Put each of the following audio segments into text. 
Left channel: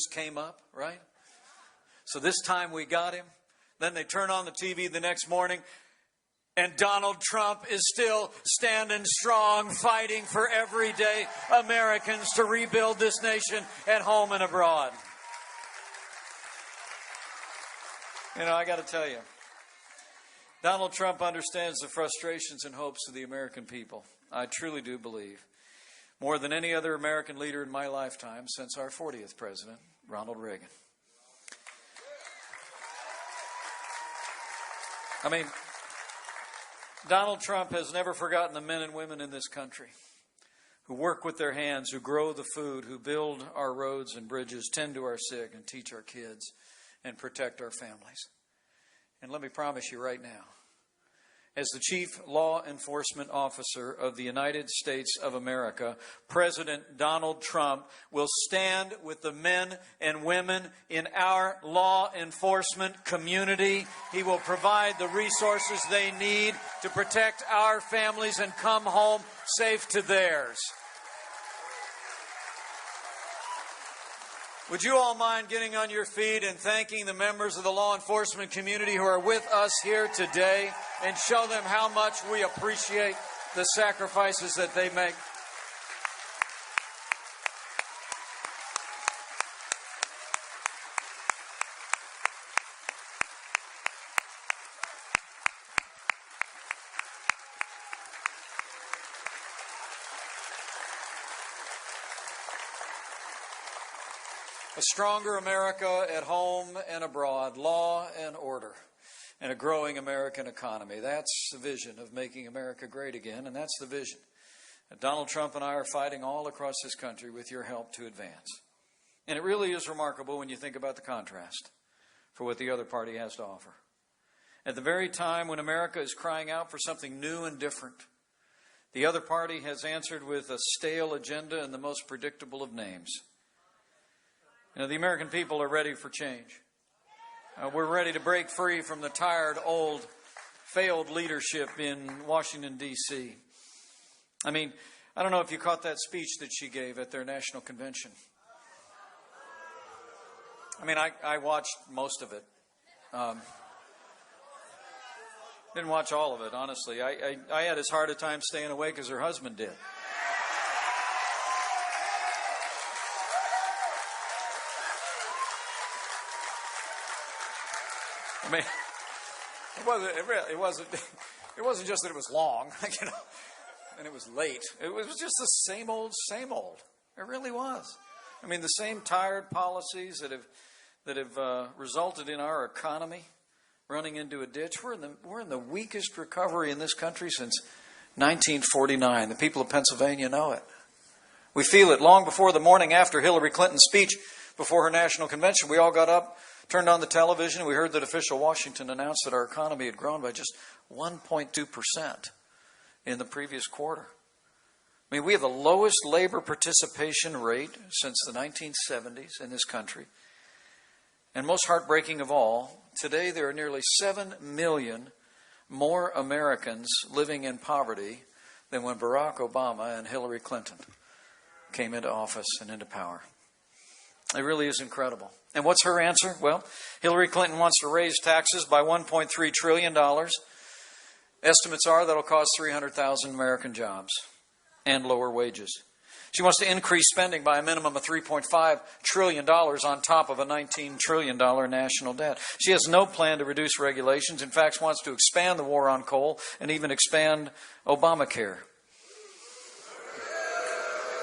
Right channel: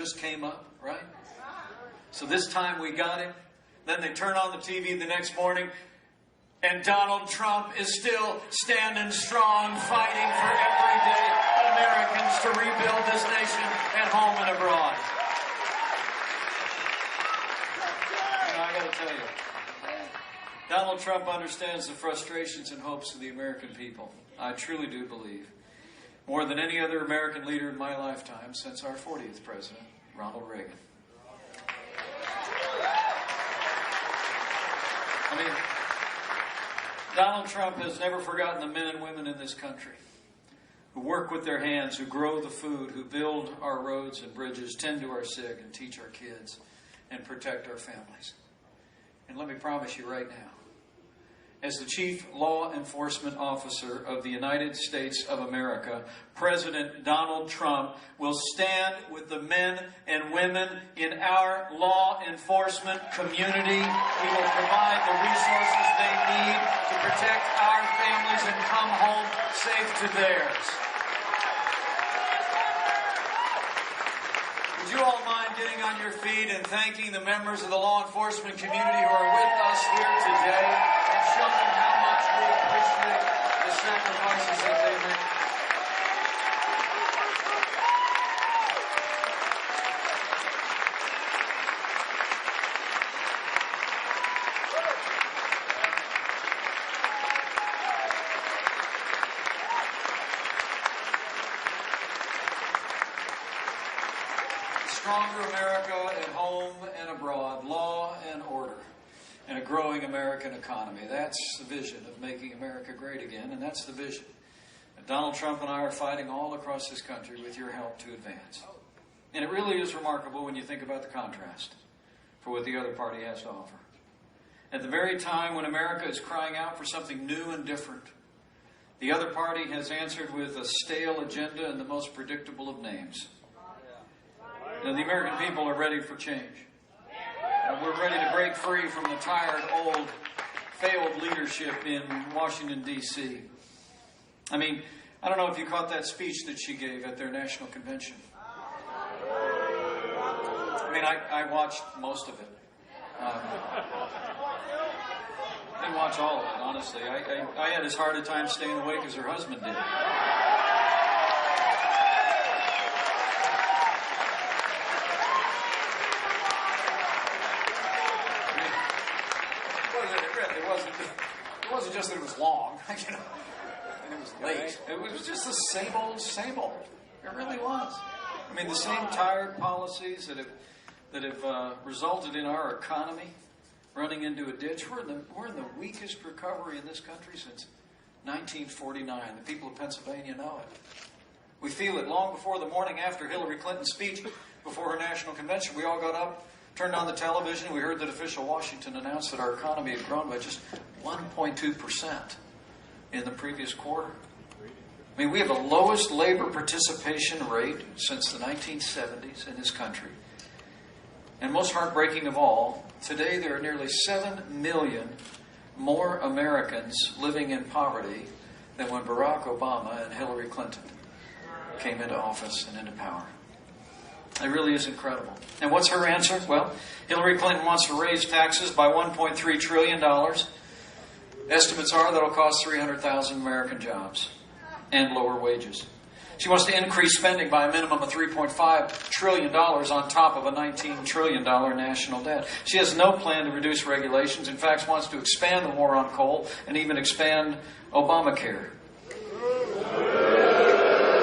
just came up, right? So this time we got him. Then they turn on the TV the next morning, and Donald Trump is still standing strong, fighting for everyday Americans to rebuild this nation at home and abroad. You know, I got to tell you, Donald Trump understands the frustrations and hopes of the American people. I truly do believe, more than any other American leader in my lifetime since our 40th president, Ronald Reagan. I mean, Donald Trump has never forgotten the men and women in this country who work with their hands, who grow the food, who build our roads and bridges, tend to our sick, and teach our kids, and protect our families. And let me promise you right now, as the Chief Law Enforcement Officer of the United States of America, President Donald Trump will stand with the men and women in our law enforcement community. He will provide the resources they need to protect our families and come home safe to theirs. Would you all mind getting on your feet and thanking the members of the law enforcement community who are with us here today and show them how much we appreciate the sacrifices that they make? A stronger America at home and abroad, law and order, and a growing American economy. That's the vision of making America great again, and that's the vision that Donald Trump and I are fighting all across this country with your help to advance. And it really is remarkable when you think about the contrast for what the other party has to offer. At the very time when America is crying out for something new and different, the other party has answered with a stale agenda and the most predictable of names. The American people are ready for change. We're ready to break free from the tired, old, failed leadership in Washington, D.C. I mean, I don't know if you caught that speech that she gave at their national convention. I mean, I watched most of it. Didn't watch all of it, honestly. I had as hard a time staying awake as her husband did. I mean, it wasn't just that it was long, you know, and it was late. It was just the same old, same old. It really was. I mean, the same tired policies that have resulted in our economy running into a ditch. We're in the weakest recovery in this country since 1949. The people of Pennsylvania know it. We feel it long before the morning after Hillary Clinton's speech before her national convention. We all got up, turned on the television. We heard that official Washington announced that our economy had grown by just 1.2% in the previous quarter. I mean, we have the lowest labor participation rate since the 1970s in this country. And most heartbreaking of all, today there are nearly 7 million more Americans living in poverty than when Barack Obama and Hillary Clinton came into office and into power. It really is incredible. And what's her answer? Well, Hillary Clinton wants to raise taxes by $1.3 trillion. Estimates are that it'll cost 300,000 American jobs and lower wages. She wants to increase spending by a minimum of $3.5 trillion on top of a $19 trillion national debt. She has no plan to reduce regulations. In fact, wants to expand the war on coal and even expand Obamacare.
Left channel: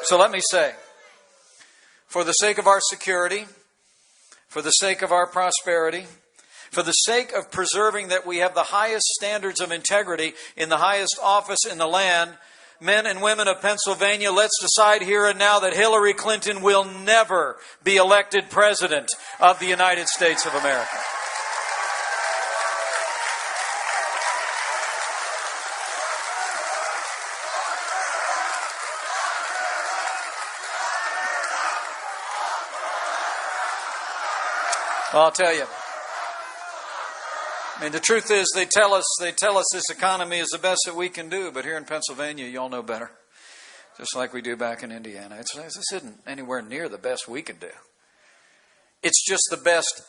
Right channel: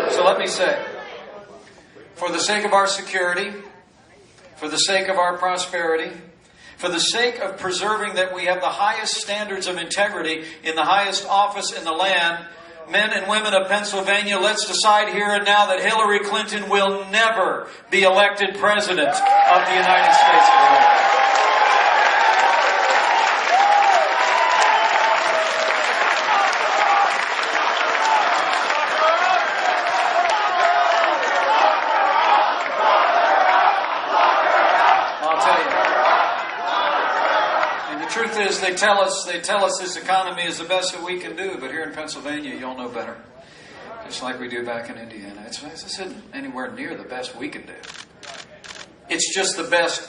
So let me say, for the sake of our security, for the sake of our prosperity, for the sake of preserving that we have the highest standards of integrity in the highest office in the land, men and women of Pennsylvania, let's decide here and now that Hillary Clinton will never be elected President of the United States of America. Well, I'll tell you. I mean, the truth is, they tell us this economy is the best that we can do, but here in Pennsylvania, you all know better. Just like we do back in Indiana. This isn't anywhere near the best we can do. It's just the best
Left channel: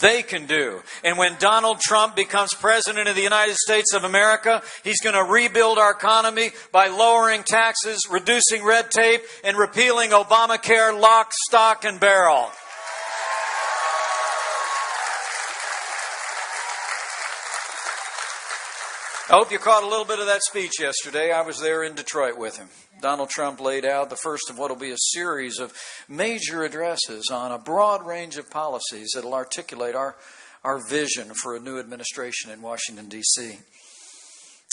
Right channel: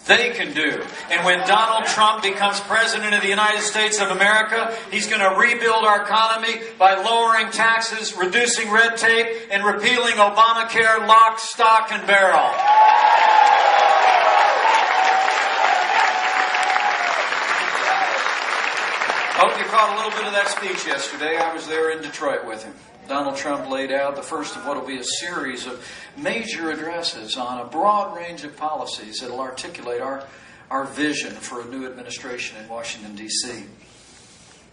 they can do. And when Donald Trump becomes president of the United States of America, he's going to rebuild our economy by lowering taxes, reducing red tape, and repealing Obamacare lock, stock, and barrel. I hope you caught a little bit of that speech yesterday. I was there in Detroit with him. Donald Trump laid out the first of what will be a series of major addresses on a broad range of policies that will articulate our vision for a new administration in Washington, D.C.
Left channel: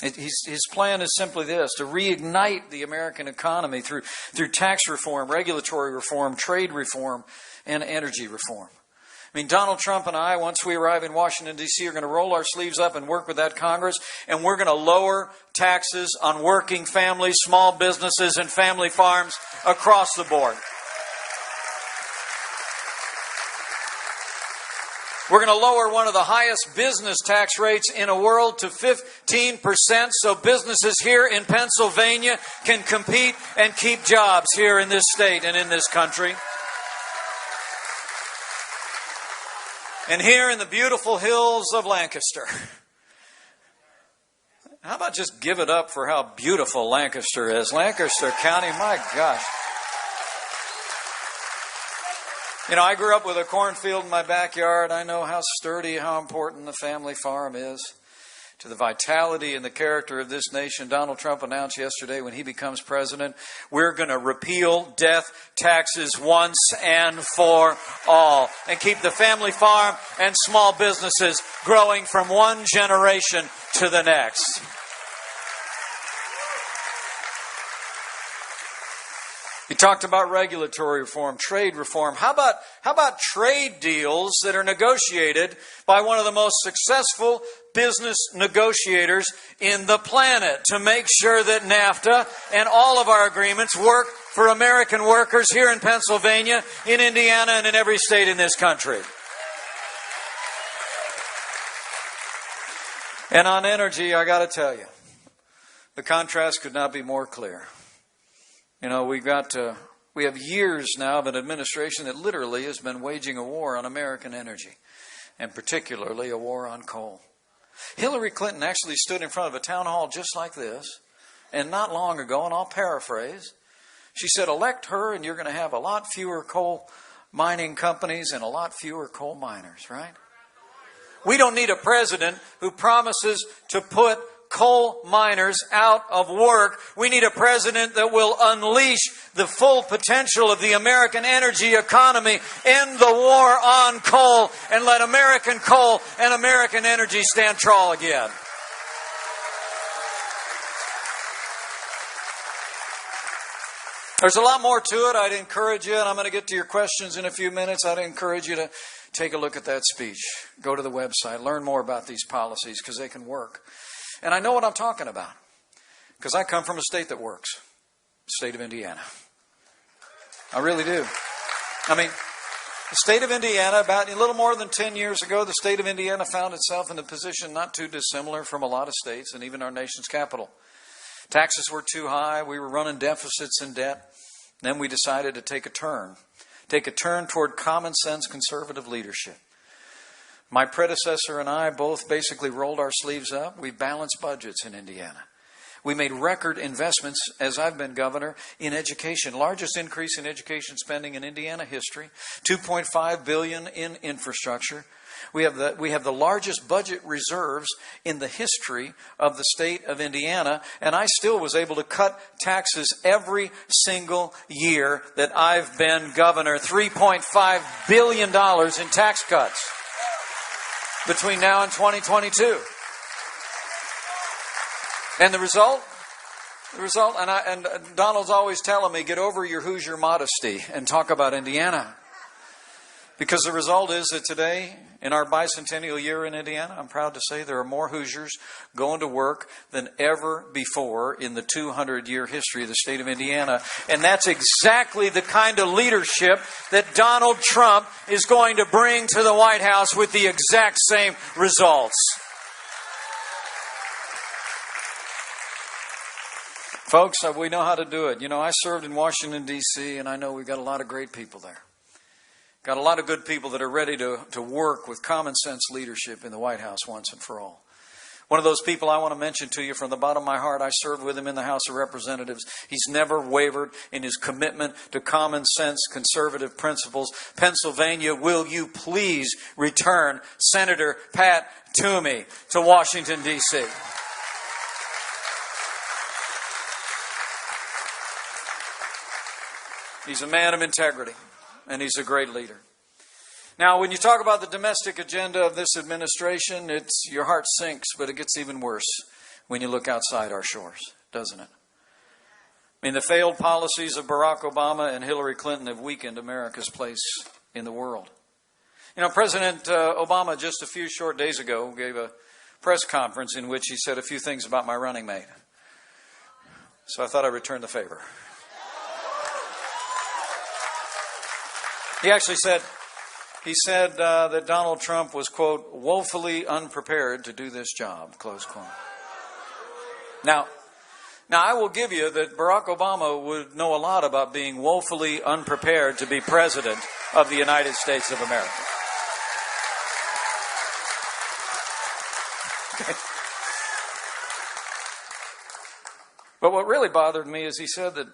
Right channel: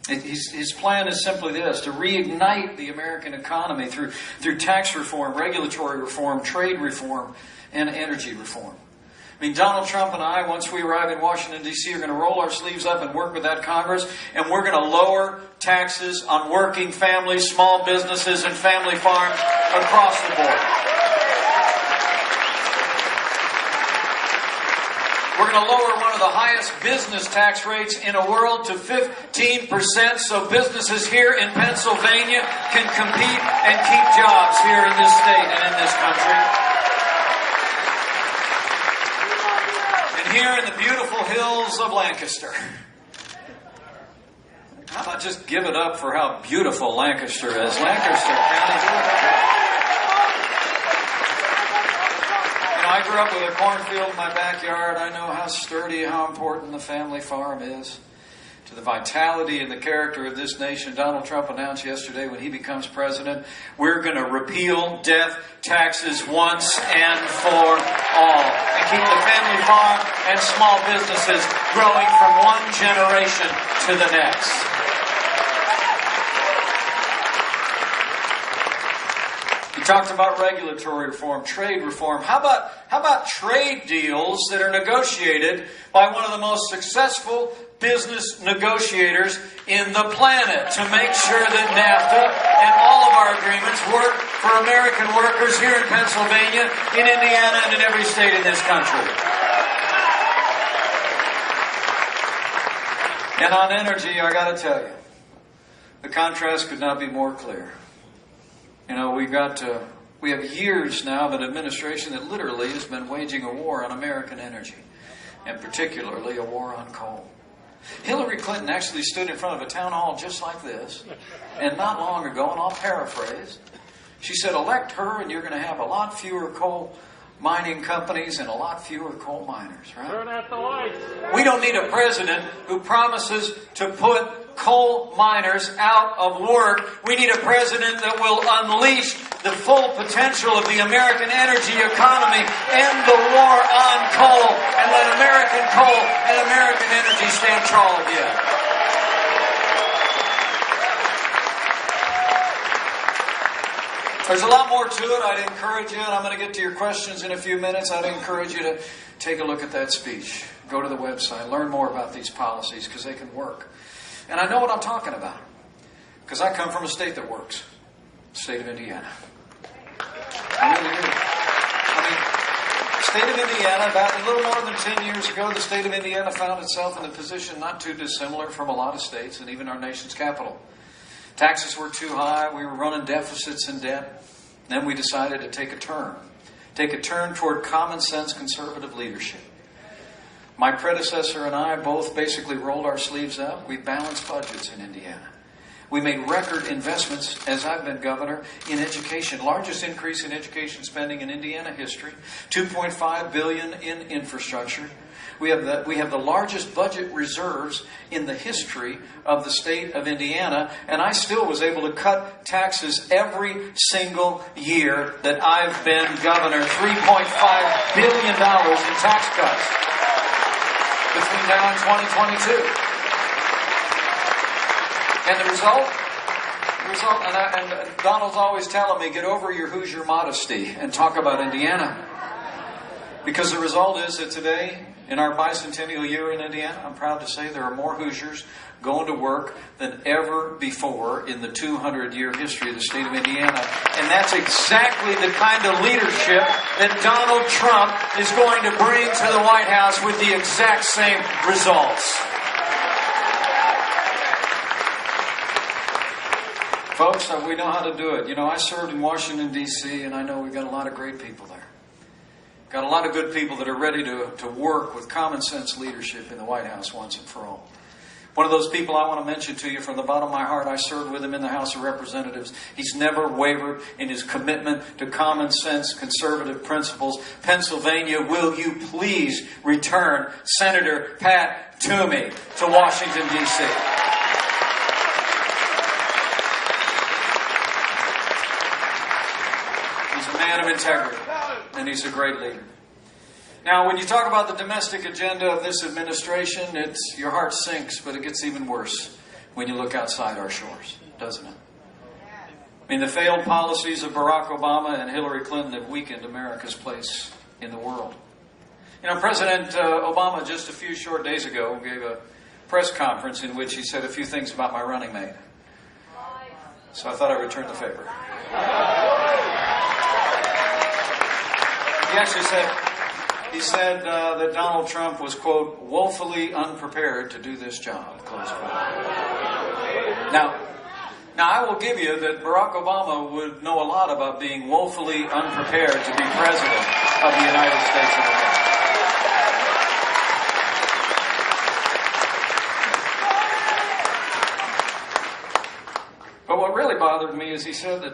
And his plan is simply this: to reignite the American economy through tax reform, regulatory reform, trade reform, and energy reform. I mean, Donald Trump and I, once we arrive in Washington, D.C., are going to roll our sleeves up and work with that Congress, and we're going to lower taxes on working families, small businesses, and family farms across the board. We're going to lower one of the highest business tax rates in the world to 15%, so businesses here in Pennsylvania can compete and keep jobs here in this state and in this country. And here in the beautiful hills of Lancaster. How about just give it up for how beautiful Lancaster is? Lancaster County. You know, I grew up with a cornfield in my backyard. I know how sturdy, how important the family farm is to the vitality and the character of this nation. Donald Trump announced yesterday when he becomes president, we're going to repeal death taxes once and for all and keep the family farm and small businesses growing from one generation to the next. He talked about regulatory reform, trade reform. How about trade deals that are negotiated by one of the most successful business negotiators in the planet to make sure that NAFTA and all of our agreements work for American workers here in Pennsylvania, in Indiana, and in every state in this country. And on energy, I got to tell you, the contrast could not be more clear. You know, we have years now of an administration that literally has been waging a war on American energy, and particularly a war on coal. Hillary Clinton actually stood in front of a town hall just like this, and not long ago, and I'll paraphrase, she said, elect her and you're going to have a lot fewer coal mining companies and a lot fewer coal miners, right? Turn out the lights. We don't need a president who promises to put coal miners out of work. We need a president that will unleash the full potential of the American energy economy, end the war on coal, and let American coal and American energy stand tall again. There's a lot more to it. I'd encourage you, and I'm going to get to your questions in a few minutes, I'd encourage you to take a look at that speech. Go to the website, learn more about these policies because they can work. And I know what I'm talking about because I come from a state that works, the state of Indiana. I really do. I mean, the state of Indiana, back a little more than 10 years ago, the state of Indiana found itself in a position not too dissimilar from a lot of states and even our nation's capital. Taxes were too high, we were running deficits and debt. Then we decided to take a turn toward common sense conservative leadership. My predecessor and I both basically rolled our sleeves up. We balanced budgets in Indiana. We made record investments, as I've been governor, in education. Largest increase in education spending in Indiana history. $2.5 billion in infrastructure. We have the largest budget reserves in the history of the state of Indiana, and I still was able to cut taxes every single year that I've been governor. $3.5 billion in tax cuts between now and 2022. And the result, and Donald's always telling me, get over your Hoosier modesty and talk about Indiana. Because the result is that today, in our bicentennial year in Indiana, I'm proud to say there are more Hoosiers going to work than ever before in the 200-year history of the state of Indiana. And that's exactly the kind of leadership that Donald Trump is going to bring to the White House with the exact same results. Folks, we know how to do it. You know, I served in Washington, D.C., and I know we've got a lot of great people there. Got a lot of good people that are ready to work with common sense leadership in the White House once and for all. One of those people I want to mention to you from the bottom of my heart, I served with him in the House of Representatives. He's never wavered in his commitment to common sense, conservative principles. Pennsylvania, will you please return Senator Pat Toomey to Washington, D.C.? He's a man of integrity, and he's a great leader. Now, when you talk about the domestic agenda of this administration, your heart sinks, but it gets even worse when you look outside our shores, doesn't it? I mean, the failed policies of Barack Obama and Hillary Clinton have weakened America's place in the world. You know, President Obama just a few short days ago gave a press conference in which he said a few things about my running mate. So I thought I'd return the favor. He actually said that Donald Trump was, quote, woefully unprepared to do this job, close quote. Now, I will give you that Barack Obama would know a lot about being woefully unprepared to be president of the United States of America. But what really bothered me is he said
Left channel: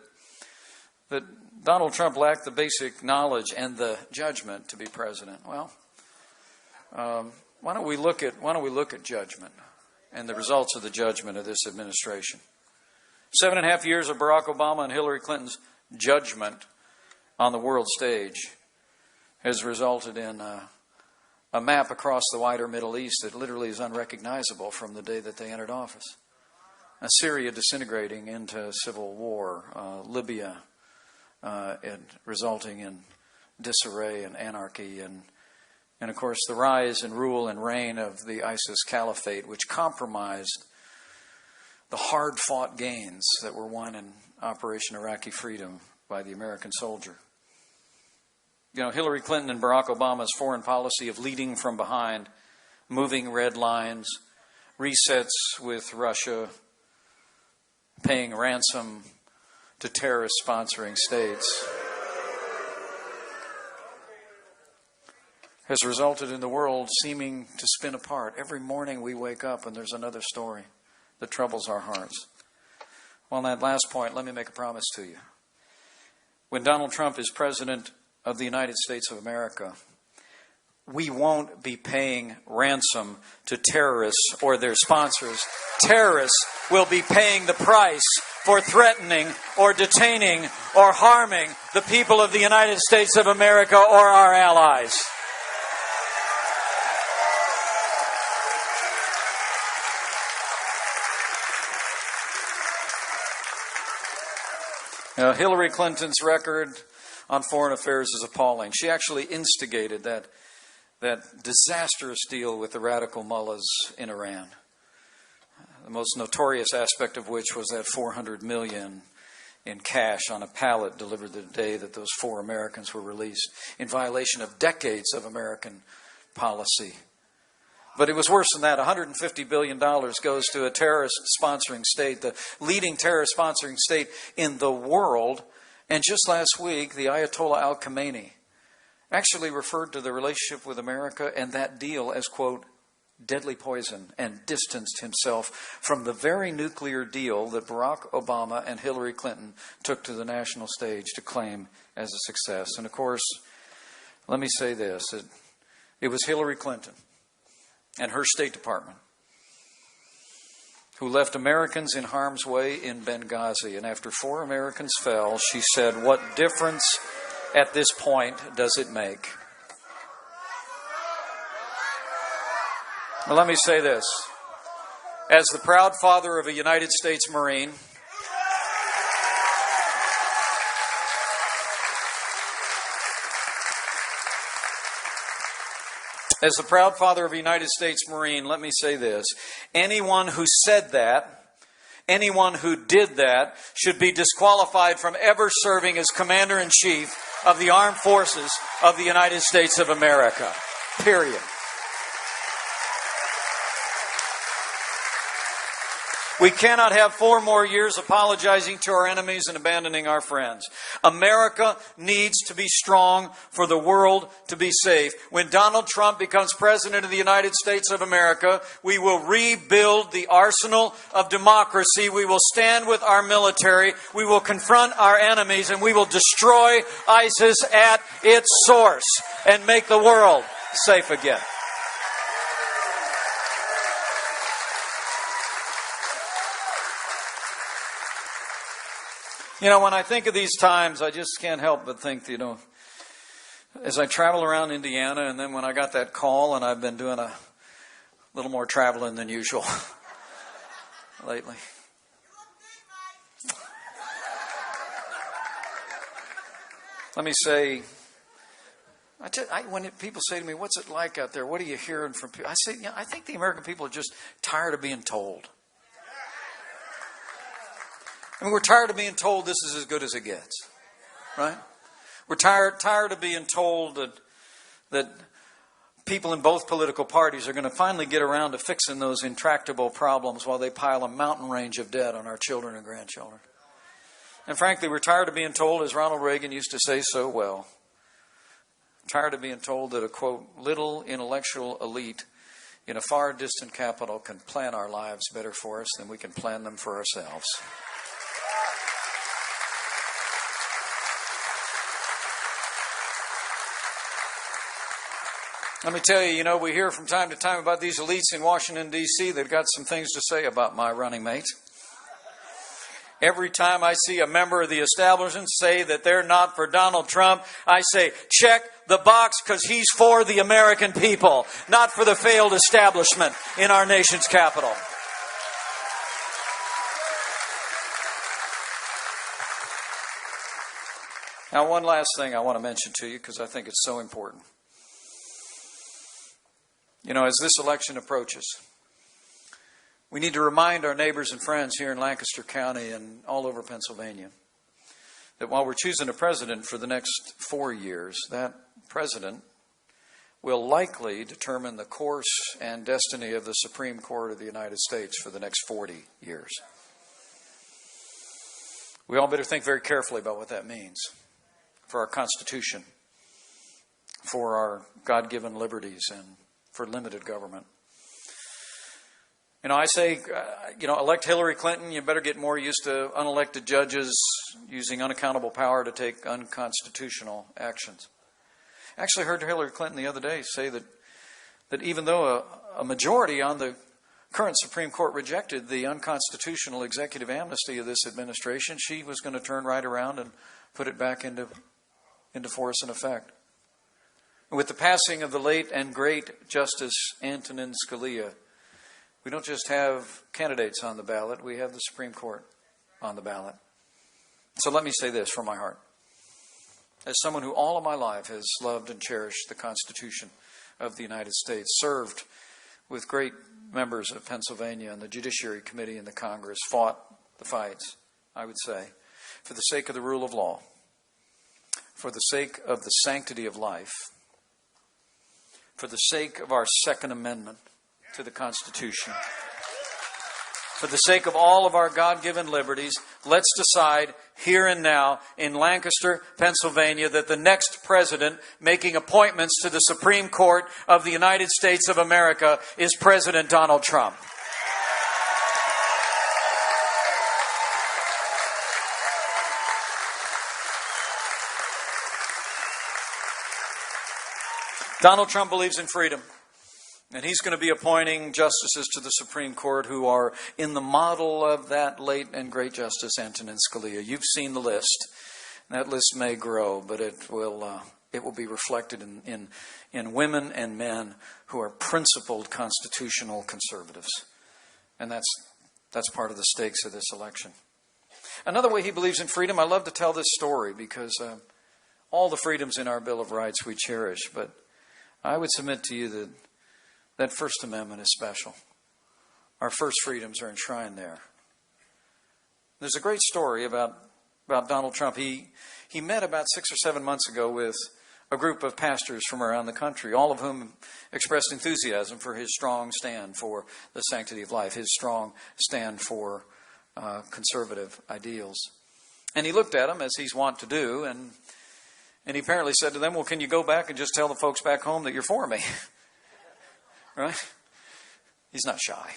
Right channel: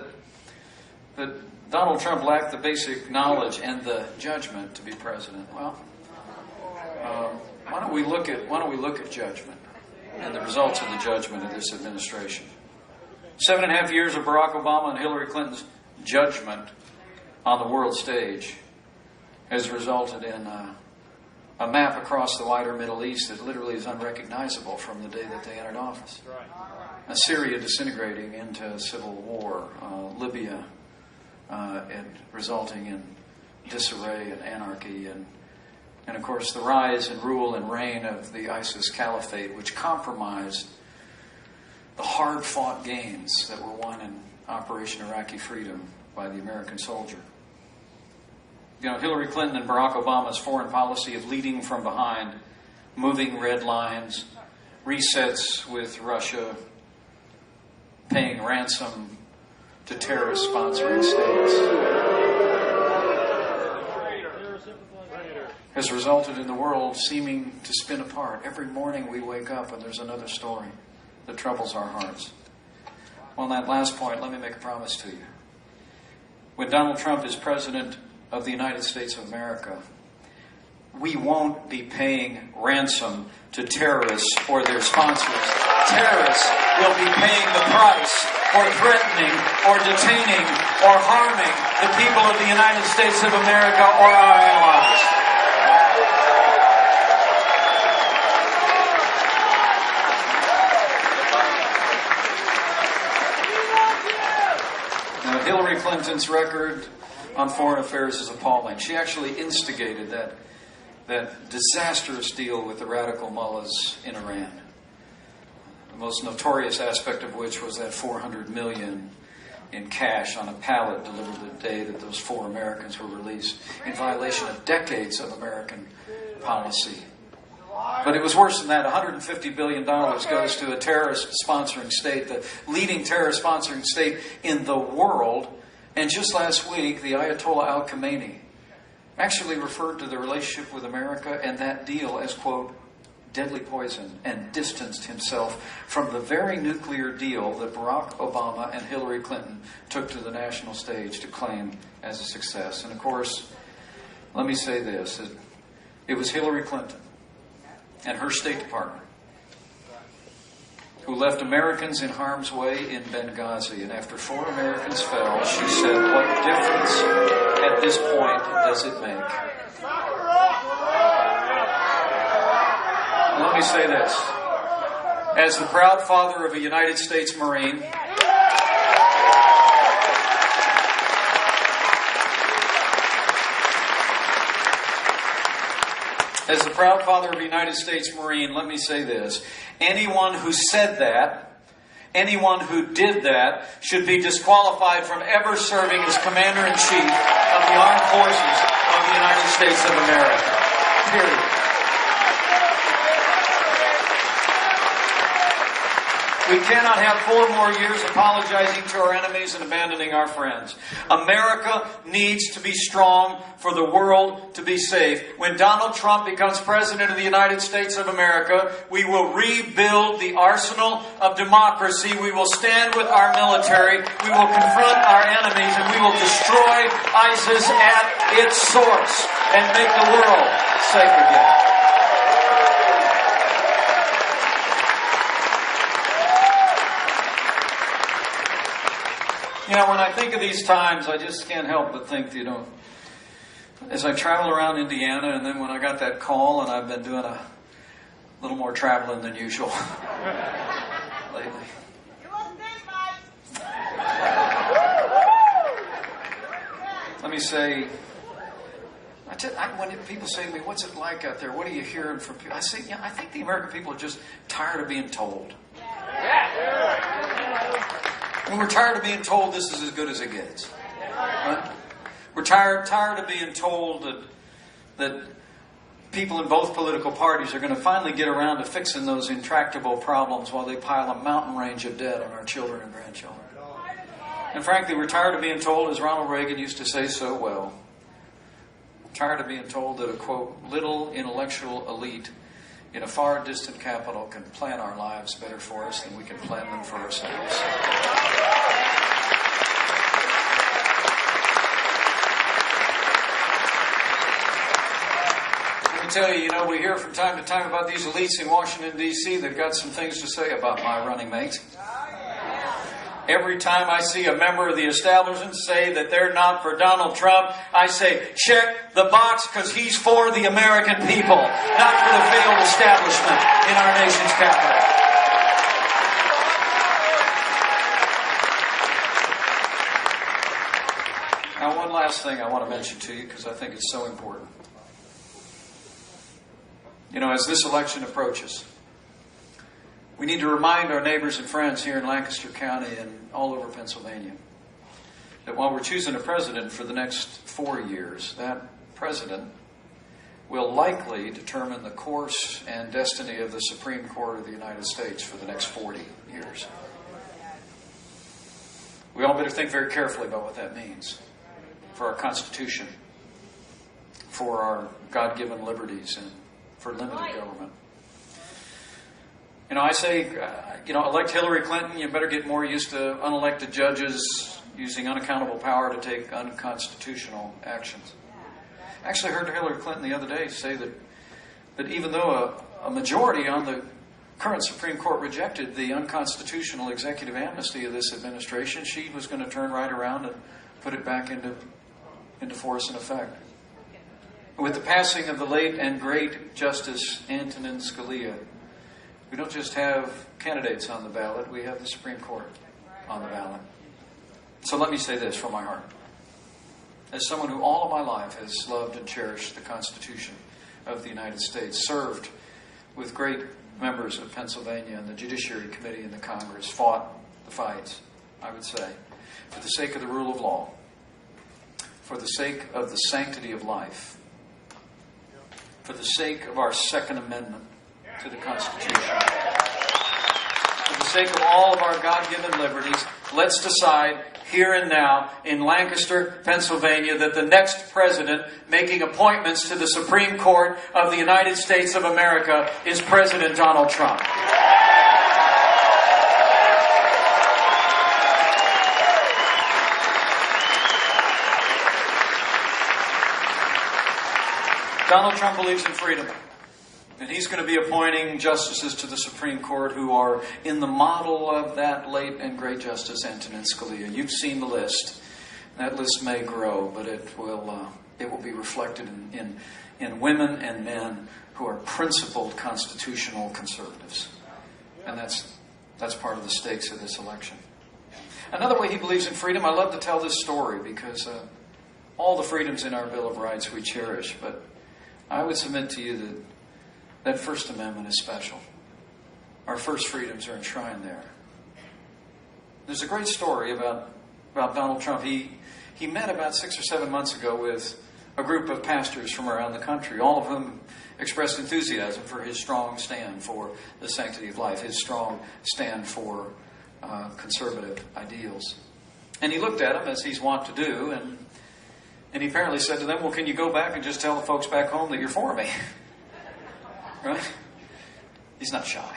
that Donald Trump lacked the basic knowledge and the judgment to be president. Well, why don't we look at judgment and the results of the judgment of this administration? 7.5 years of Barack Obama and Hillary Clinton's judgment on the world stage has resulted in a map across the wider Middle East that literally is unrecognizable from the day that they entered office. Syria disintegrating into civil war, Libya and resulting in disarray and anarchy, and of course the rise and rule and reign of the ISIS caliphate, which compromised the hard-fought gains that were won in Operation Iraqi Freedom by the American soldier. You know, Hillary Clinton and Barack Obama's foreign policy of leading from behind, moving red lines, resets with Russia, paying ransom to terrorist-sponsoring states, has resulted in the world seeming to spin apart. Every morning we wake up and there's another story that troubles our hearts. On that last point, let me make a promise to you. When Donald Trump is president of the United States of America, we won't be paying ransom to terrorists or their sponsors. Terrorists will be paying the price for threatening or detaining or harming the people of the United States of America or our allies. Now, Hillary Clinton's record on foreign affairs is appalling. She actually instigated that disastrous deal with the radical mullahs in Iran. The most notorious aspect of which was that $400 million in cash on a pallet delivered to the day that those 4 Americans were released in violation of decades of American policy. But it was worse than that. $150 billion goes to a terrorist-sponsoring state, the leading terrorist-sponsoring state in the world. And just last week, the Ayatollah al-Khamenei actually referred to the relationship with America and that deal as, quote, deadly poison, and distanced himself from the very nuclear deal that Barack Obama and Hillary Clinton took to the national stage to claim as a success. And of course, let me say this, it was Hillary Clinton and her State Department who left Americans in harm's way in Benghazi. And after 4 Americans fell, she said, what difference at this point does it make? Well, let me say this. As the proud father of a United States Marine, let me say this. Anyone who said that, anyone who did that, should be disqualified from ever serving as Commander-in-Chief of the Armed Forces of the United States of America. Period. We cannot have 4 more years apologizing to our enemies and abandoning our friends. America needs to be strong for the world to be safe. When Donald Trump becomes President of the United States of America, we will rebuild the arsenal of democracy. We will stand with our military. We will confront our enemies, and we will destroy ISIS at its source and make the world safe again. You know, when I think of these times, I just can't help but think, as I travel around Indiana, and then when I got that call, and I've been doing a little more traveling than usual lately. Let me say, when people say to me, what's it like out there? What are you hearing from people? I say, I think the American people are just tired of being told. And we're tired of being told this is as good as it gets. Right? We're tired of being told that people in both political parties are going to finally get around to fixing those intractable problems while they pile a mountain range of debt on our children and grandchildren. And frankly, we're tired of being told, as Ronald Reagan used to say so well, tired of being told that a, quote, little intellectual elite in a far distant capital can plan our lives better for us than we can plan them for ourselves. Let me tell you, we hear from time to time about these elites in Washington, D.C. that have got some things to say about my running mates. Every time I see a member of the establishment say that they're not for Donald Trump, I say, check the box, because he's for the American people, not for the failed establishment in our nation's capital. Now, one last thing I want to mention to you, because I think it's so important. As this election approaches, we need to remind our neighbors and friends here in Lancaster County and all over Pennsylvania that while we're choosing a president for the next 4 years, that president will likely determine the course and destiny of the Supreme Court of the United States for the next 40 years. We all better think very carefully about what that means for our Constitution, for our God-given liberties, and for limited government. I say, elect Hillary Clinton, you better get more used to unelected judges using unaccountable power to take unconstitutional actions. I actually heard Hillary Clinton the other day say that even though a majority on the current Supreme Court rejected the unconstitutional executive amnesty of this administration, she was going to turn right around and put it back into force and effect. With the passing of the late and great Justice Antonin Scalia, we don't just have candidates on the ballot, we have the Supreme Court on the ballot. So let me say this from my heart. As someone who all my life has loved and cherished the Constitution of the United States, served with great members of Pennsylvania and the Judiciary Committee in the Congress, fought the fights, I would say, for the sake of the rule of law, for the sake of the sanctity of life, for the sake of our Second Amendment to the Constitution, for the sake of all of our God-given liberties, let's decide here and now in Lancaster, Pennsylvania, that the next president making appointments to the Supreme Court of the United States of America is President Donald Trump. Donald Trump believes in freedom, and he's going to be appointing justices to the Supreme Court who are in the model of that late and great Justice Antonin Scalia. You've seen the list. That list may grow, but it will be reflected in women and men who are principled constitutional conservatives. And that's part of the stakes of this election. Another way he believes in freedom, I love to tell this story because all the freedoms in our Bill of Rights we cherish, but I would submit to you that First Amendment is special. Our first freedoms are enshrined there. There's a great story about Donald Trump. He met about 6 or 7 months ago with a group of pastors from around the country, all of whom expressed enthusiasm for his strong stand for the sanctity of life, his strong stand for conservative ideals. And he looked at him, as he's wont to do, and he apparently said to them, well, can you go back and just tell the folks back home that you're for me? Right? He's not shy.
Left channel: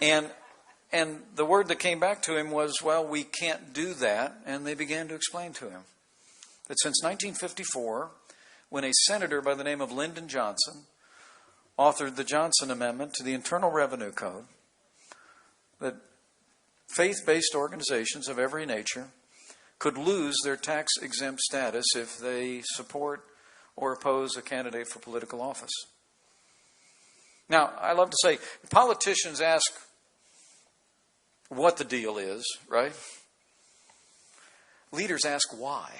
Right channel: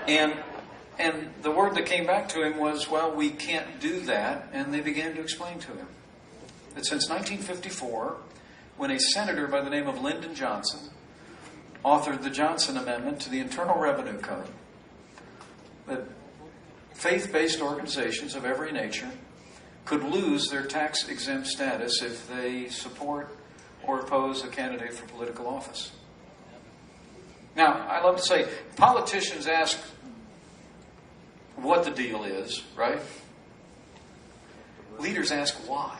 And the word that came back to him was, well, we can't do that. And they began to explain to him that since 1954, when a senator by the name of Lyndon Johnson authored the Johnson Amendment to the Internal Revenue Code, that faith-based organizations of every nature could lose their tax-exempt status if they support or oppose a candidate for political office. Now, I love to say, politicians ask what the deal is, right? Leaders ask why.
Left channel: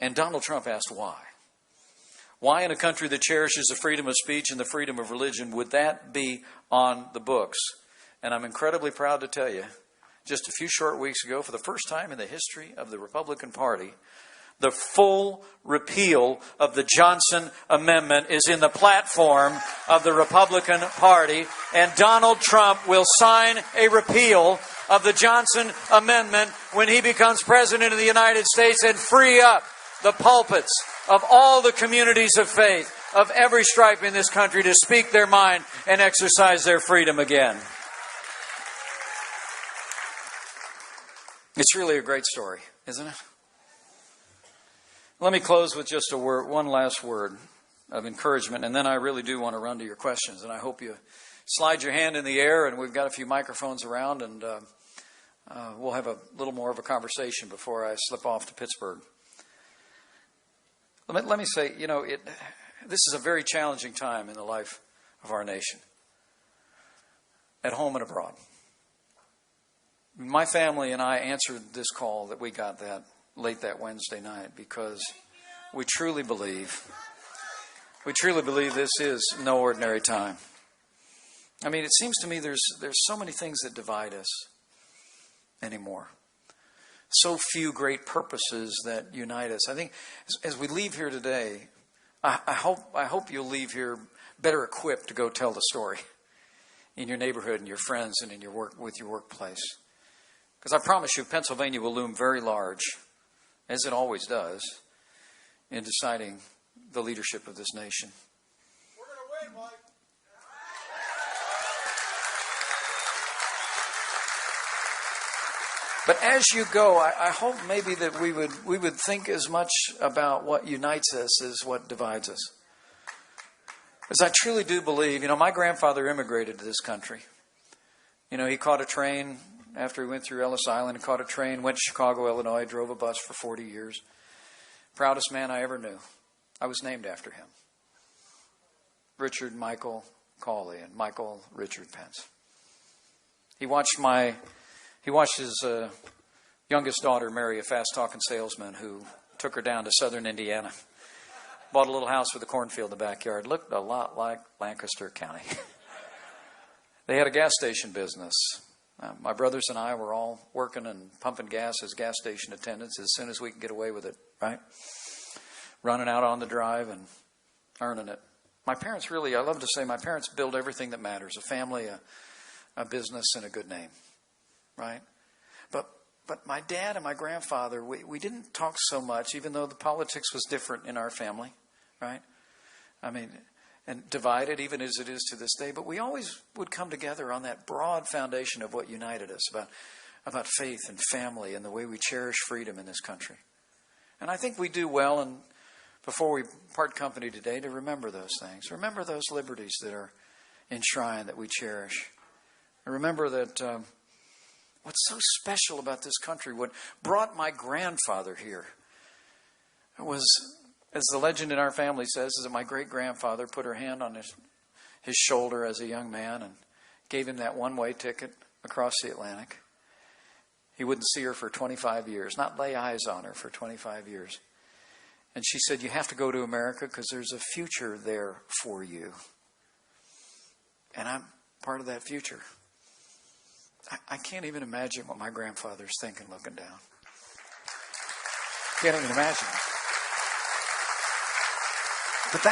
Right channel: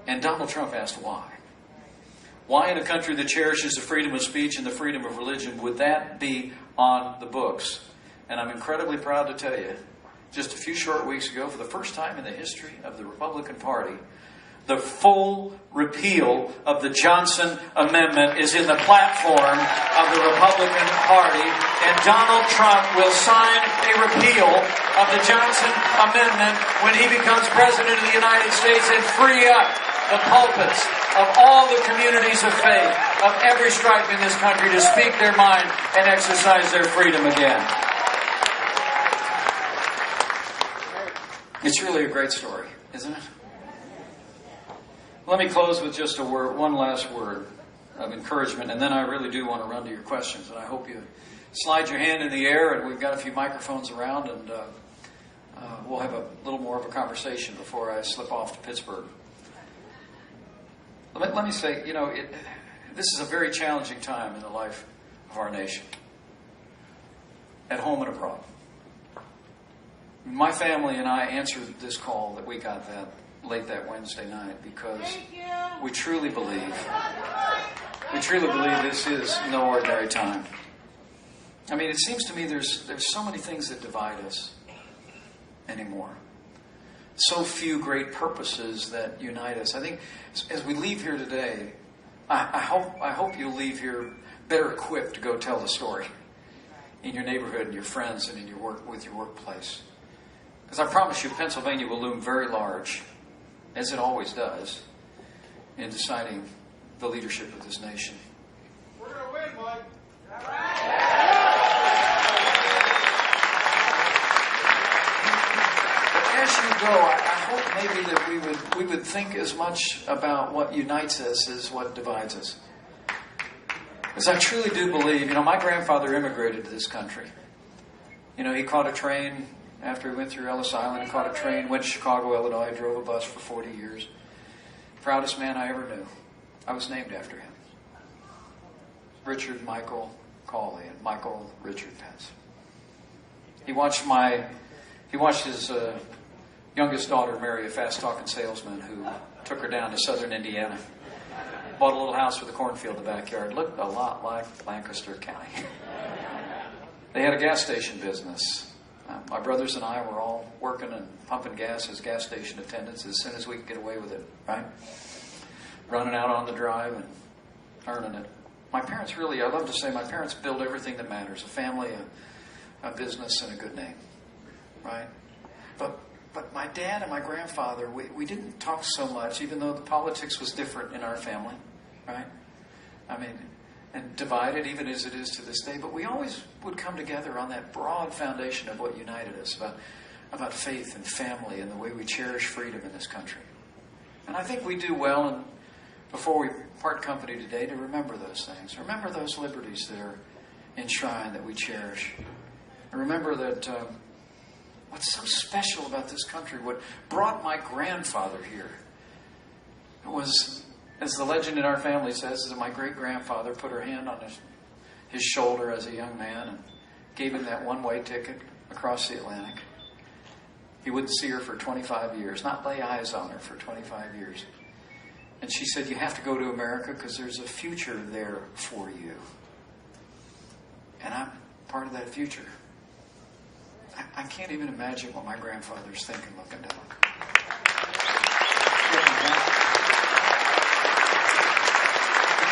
And Donald Trump asked why. Why in a country that cherishes the freedom of speech and the freedom of religion would that be on the books? And I'm incredibly proud to tell you, just a few short weeks ago, for the first time in the history of the Republican Party, the full repeal of the Johnson Amendment is in the platform of the Republican Party, and Donald Trump will sign a repeal of the Johnson Amendment when he becomes President of the United States and free up the pulpits of all the communities of faith of every stripe in this country to speak their mind and exercise their freedom again. It's really a great story, isn't it? Let me close with just one last word of encouragement, and then I really do want to run to your questions. And I hope you slide your hand in the air, and we've got a few microphones around, and we'll have a little more of a conversation before I slip off to Pittsburgh. Let me say, this is a very challenging time in the life of our nation, at home and abroad. My family and I answered this call that we got late that Wednesday night because we truly believe this is no ordinary time. I mean, it seems to me there's so many things that divide us anymore. So few great purposes that unite us. I think as we leave here today, I hope you'll leave here better equipped to go tell the story in your neighborhood, your friends, and in your workplace. Because I promise you, Pennsylvania will loom very large, as it always does, in deciding the leadership of this nation. We're going to win, Mike. But as you go, I hope maybe that we would think as much about what unites us as what divides us. Because I truly do believe, my grandfather immigrated to this country. He caught a train after he went through Ellis Island. He caught a train, went to Chicago, Illinois, drove a bus for 40 years. Proudest man I ever knew. I was named after him. Richard Michael Cawley and Michael Richard Pence. He watched his youngest daughter marry a fast-talking salesman who took her down to southern Indiana. Bought a little house with a cornfield in the backyard. Looked a lot like Lancaster County. They had a gas station business. My brothers and I were all working and pumping gas as gas station attendants as soon as we could get away with it, right? Running out on the drive and earning it. My parents I love to say, my parents built everything that matters. A family, a business, and a good name, right? But my dad and my grandfather, we didn't talk so much, even though politics was different in our family, right? I mean, and divided even as it is to this day, but we always would come together on that broad foundation of what united us, about faith and family and the way we cherish freedom in this country. And I think we do well, before we part company today, to remember those things. Remember those liberties that are enshrined that we cherish. Remember that what's so special about this country, what brought my grandfather here, was, as the legend in our family says, that my great-grandfather put her hand on his shoulder as a young man and gave him that one-way ticket across the Atlantic. He wouldn't see her for 25 years, not lay eyes on her for 25 years. And she said, you have to go to America because there's a future there for you. And I'm part of that future. I can't even imagine what my grandfather's thinking looking down. Can't imagine. But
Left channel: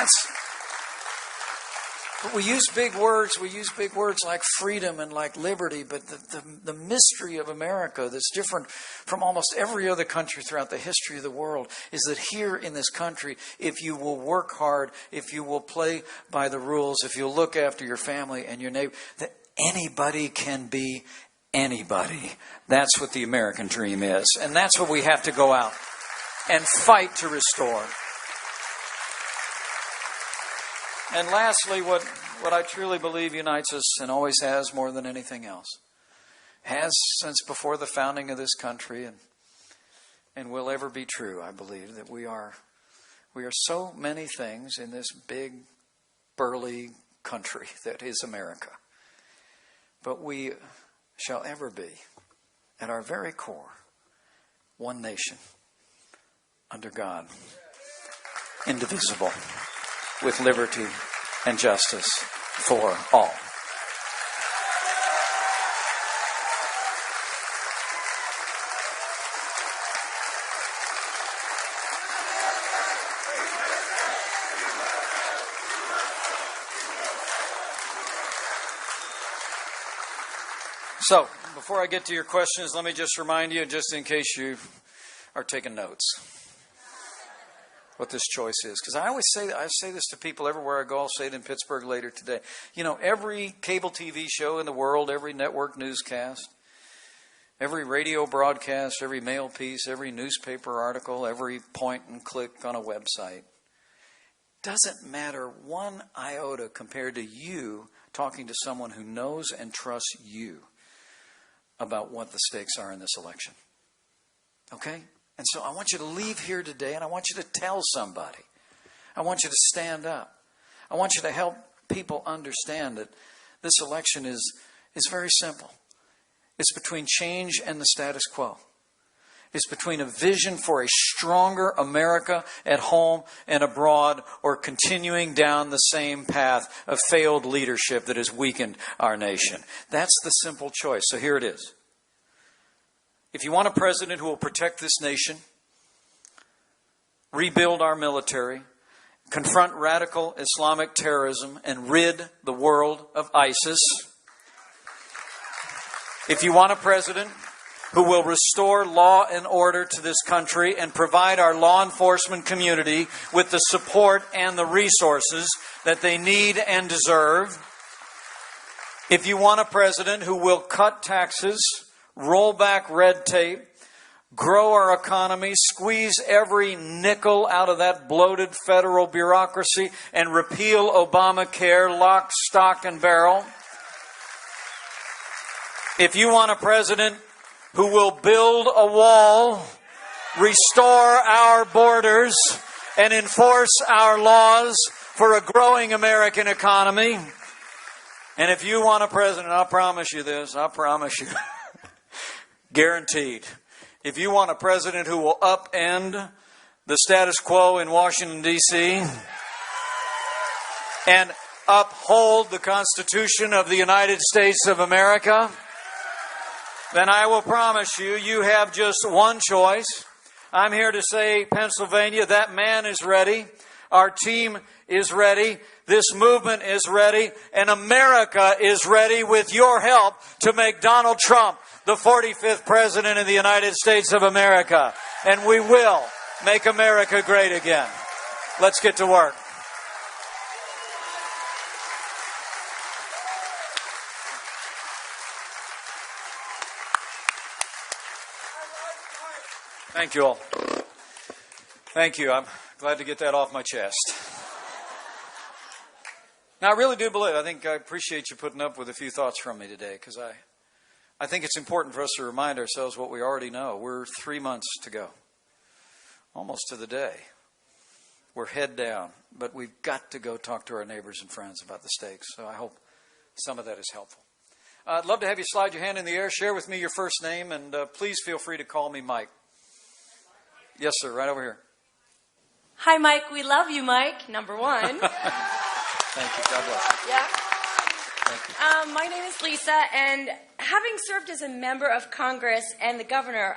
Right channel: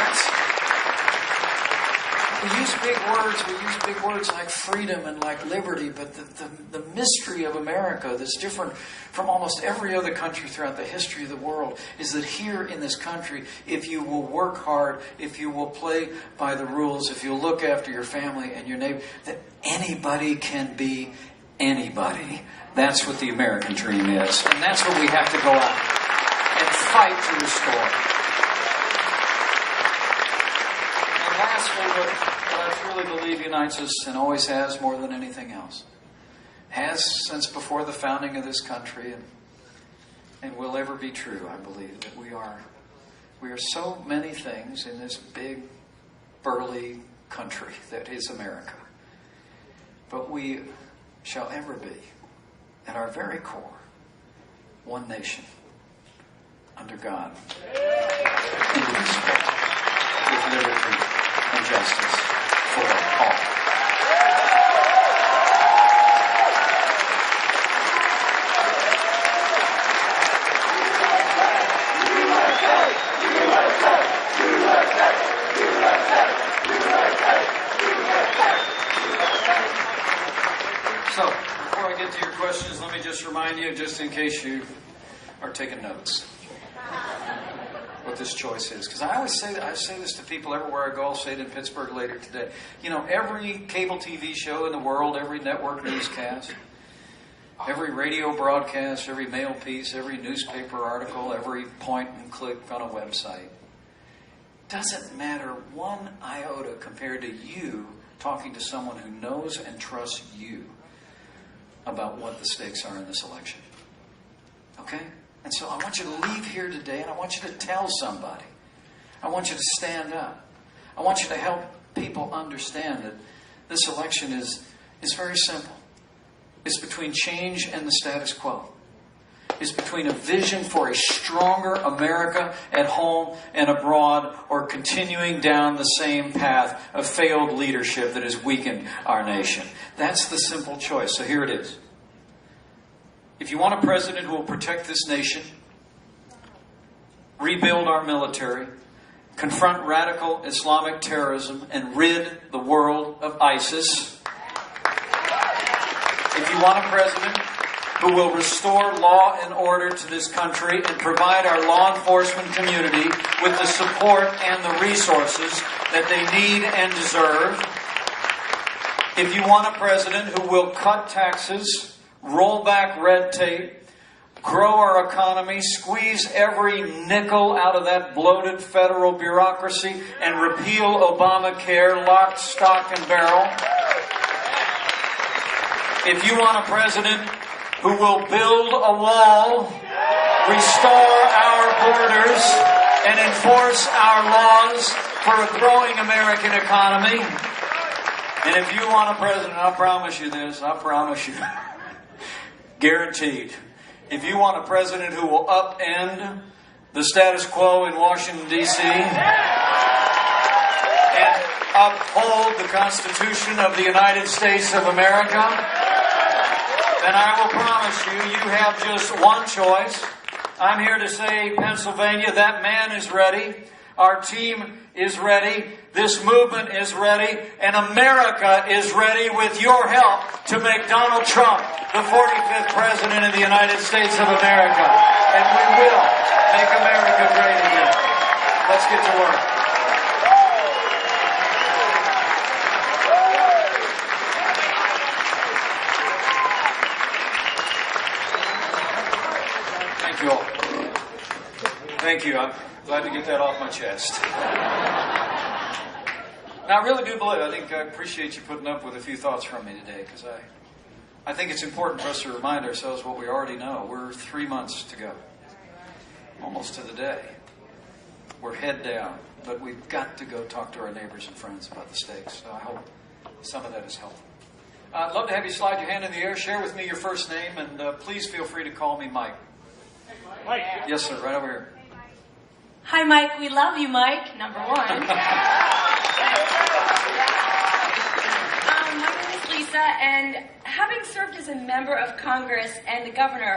we use big words. We use big words like freedom and like liberty, but the mystery of America is different from almost every other country throughout the history of the world, is that here in this country, if you will work hard, if you will play by the rules, if you look after your family and your neighbor, that anybody can be anybody. That's what the American dream is. And that's what we have to go out and fight to restore. And lastly, what I truly believe unites us and always has more than anything else, has since before the founding of this country, and will ever be true, I believe, that we are so many things in this big, burly country that is America. But we shall ever be, at our very core, one nation, under God, indivisible, with liberty and justice for all. So, before I get to your questions, let me just remind you, just in case you are taking notes, what this choice is. Because I say this to people everywhere I go. I'll say it in Pittsburgh later today. You know, every cable TV show in the world, every network newscast, every radio broadcast, every mail piece, every newspaper article, every point and click on a website, doesn't matter one iota compared to you talking to someone who knows and trusts you about what the stakes are in this election. Okay? And so I want you to leave here today and I want you to tell somebody. I want you to stand up. I want you to help people understand that this election is very simple. It's between change and the status quo. It's between a vision for a stronger America at home and abroad, or continuing down the same path of failed leadership that has weakened our nation. That's the simple choice. So here it is. If you want a president who will protect this nation, rebuild our military, confront radical Islamic terrorism, and rid the world of ISIS, if you want a president who will restore law and order to this country and provide our law enforcement community with the support and the resources that they need and deserve, if you want a president who will cut taxes, roll back red tape, grow our economy, squeeze every nickel out of that bloated federal bureaucracy, and repeal Obamacare lock, stock, and barrel, if you want a president who will build a wall, restore our borders, and enforce our laws for a growing American economy, and if you want a president, I promise you this, I promise you, guaranteed, if you want a president who will upend the status quo in Washington, D.C., and uphold the Constitution of the United States of America, then I will promise you, you have just one choice. I'm here to say, Pennsylvania, that man is ready. Our team is ready. This movement is ready. And America is ready with your help to make Donald Trump the 45th President of the United States of America. And we will make America great again. Let's get to work. Thank you all. Thank you. I'm glad to get that off my chest. Now, I really do believe, I appreciate you putting up with a few thoughts from me today, because I think it's important for us to remind ourselves what we already know. We're 3 months to go, almost to the day. We're head down, but we've got to go talk to our neighbors and friends about the stakes, so I hope some of that is helpful. I'd love to have you slide your hand in the air, share with me your first name, and please feel free to call me Mike. Mike. Yes, sir, right over here. Hi, Mike. We love you, Mike. Number one. My name is Lisa, and having served as a member of Congress and the governor,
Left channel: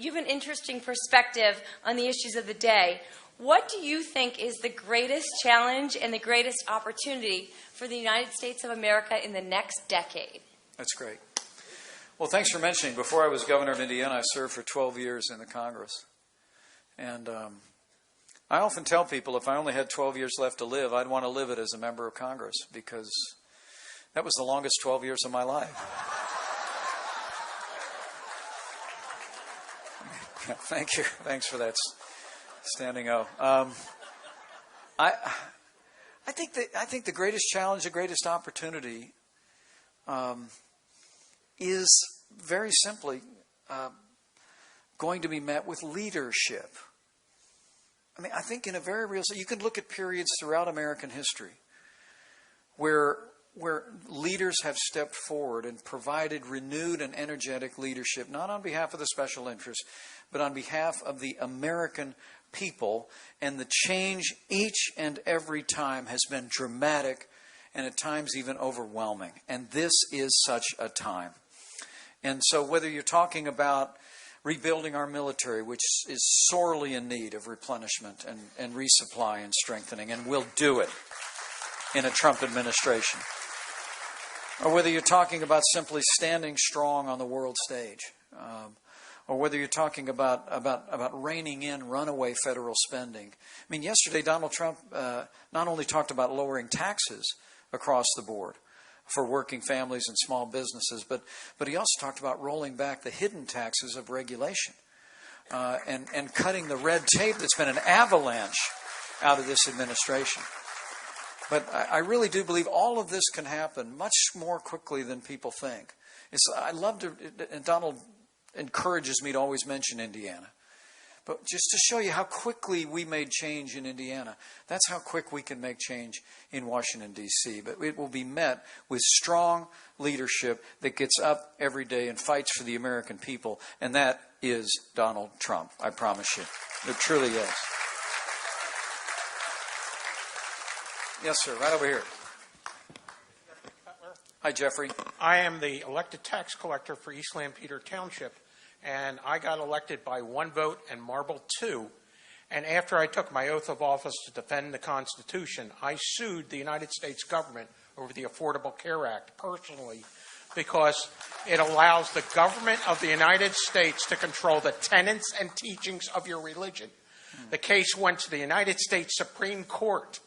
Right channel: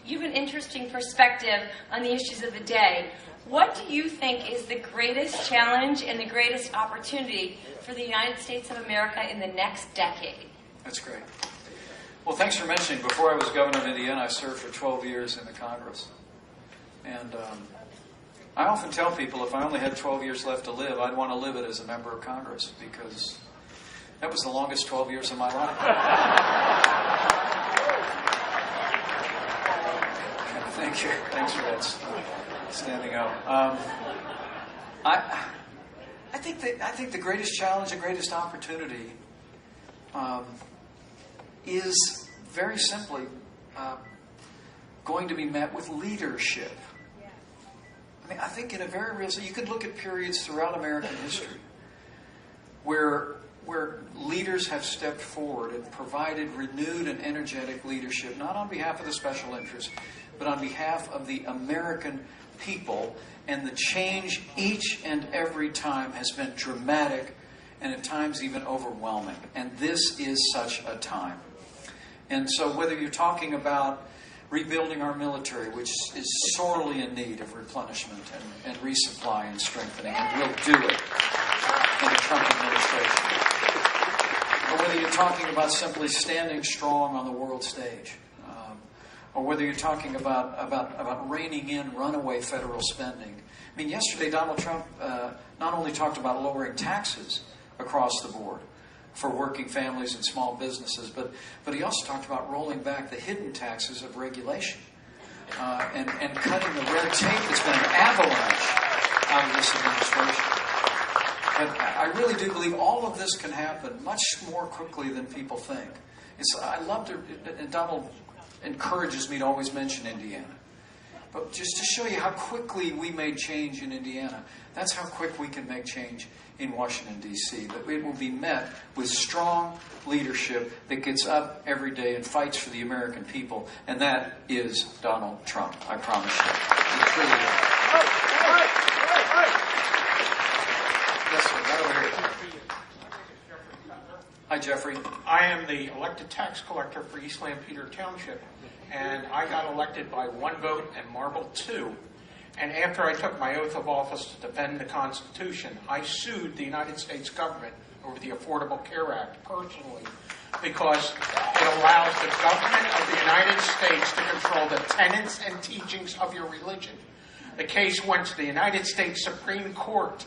you have an interesting perspective on the issues of the day. what do you think is the greatest challenge and the greatest opportunity for the United States of America in the next decade? That's great. Well, thanks for mentioning. Before I was governor of Indiana, I served for 12 years in the Congress. And I often tell people if I only had 12 years left to live, I'd want to live it as a member of Congress because that was the longest 12 years of my life. Thank you. Thanks for that standing up. I think the greatest challenge, the greatest opportunity is very simply going to be met with leadership. I mean, I think in a very real sense, you could look at periods throughout American history where leaders have stepped forward and provided renewed and energetic leadership, not on behalf of the special interest, but on behalf of the American people. And the change each and every time has been dramatic and at times even overwhelming. And this is such a time. And so whether you're talking about rebuilding our military, which is sorely in need of replenishment and resupply and strengthening, and we'll do it in the Trump administration. Or whether you're talking about simply standing strong on the world stage. Or whether you're talking about reining in runaway federal spending. I mean, yesterday Donald Trump not only talked about lowering taxes across the board for working families and small businesses, but he also talked about rolling back the hidden taxes of regulation and cutting the red tape that's been an avalanche out of this administration. And I really do believe all of this can happen much more quickly than people think. I love to, and Donald encourages me to always mention Indiana. But just to show you how quickly we made change in Indiana, that's how quick we can make change in Washington, D.C. But it will be met with strong leadership that gets up every day and fights for the American people. And that is Donald Trump, I promise you. It truly is. Yes, sir, right over here. Hi, Jeffrey. I am the elected tax collector for East Lancaster Township, and I got elected by 1 vote and marbled 2. And after I took my oath of office to defend the Constitution, I sued the United States government over the Affordable Care Act personally because it allows the government of the United States to control the tenets and teachings of your religion. The case went to the United States Supreme Court,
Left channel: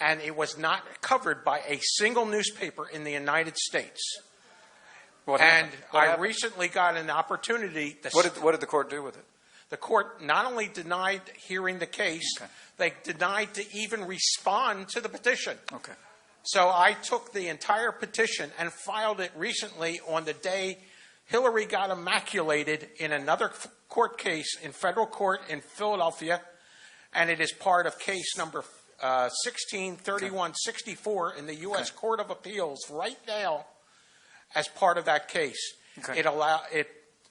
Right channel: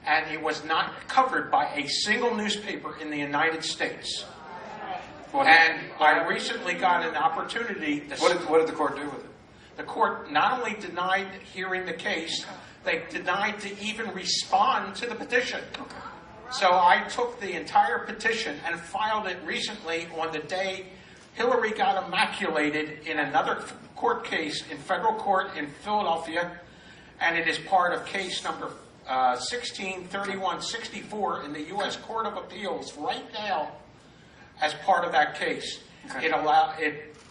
and it was not covered by a single newspaper in the United States. And I recently got an opportunity. What did the court do with it? The court not only denied hearing the case, they denied to even respond to the petition. So I took the entire petition and filed it recently on the day Hillary got immaculated in another court case in federal court in Philadelphia, and it is part of case number 163164 in the U.S. Court of Appeals right now as part of that case. Okay.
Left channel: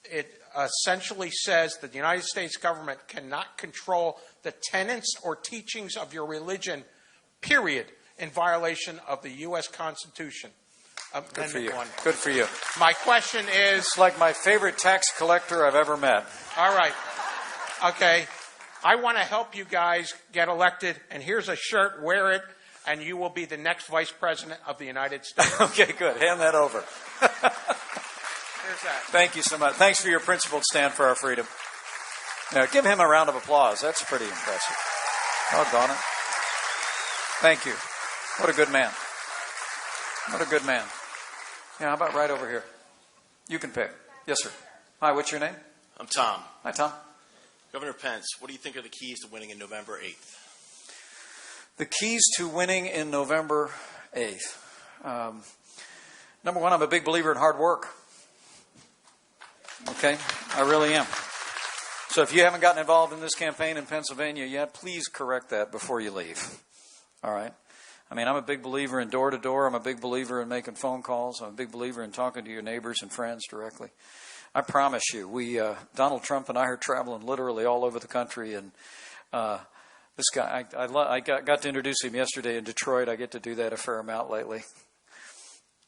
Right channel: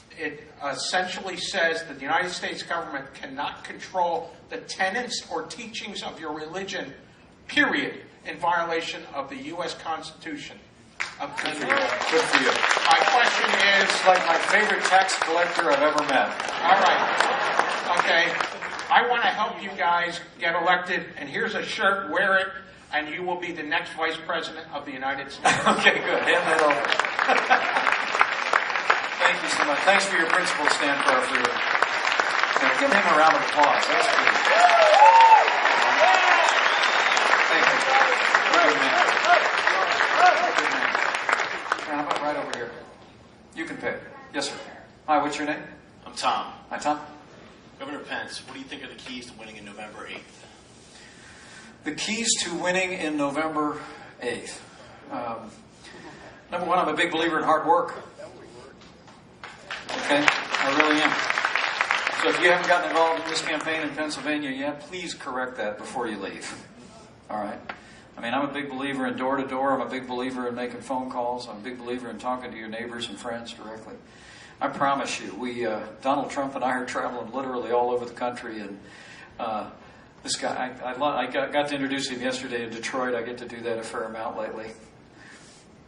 It essentially says that the United States government cannot control the tenets or teachings of your religion, period, in violation of the U.S. Constitution. Good for you. Good for you. My question is... It's like my favorite tax collector I've ever met. All right. Okay. I want to help you guys get elected, and here's a shirt, wear it, and you will be the next Vice President of the United States. Okay, good. Hand that over. Thank you so much. Thanks for your principle, stand for our freedom. Now, give him a round of applause. That's pretty good. Welcome. Thank you. What a good man. What a good man. Now, how about right over here? You can pick. Yes, sir. Hi, what's your name? I'm Tom. Hi, Tom. Governor Pence, what do you think are the keys to winning in November 8th? The keys to winning in November 8th. Number one, I'm a big believer in hard work. Okay? I really am. So if you haven't gotten involved in this campaign in Pennsylvania yet, please correct that before you leave. All right? I mean, I'm a big believer in door-to-door. I'm a big believer in making phone calls. I'm a big believer in talking to your neighbors and friends directly. I promise you, Donald Trump and I are traveling literally all over the country, and this guy, I got to introduce him yesterday in Detroit. I get to do that a fair amount lately.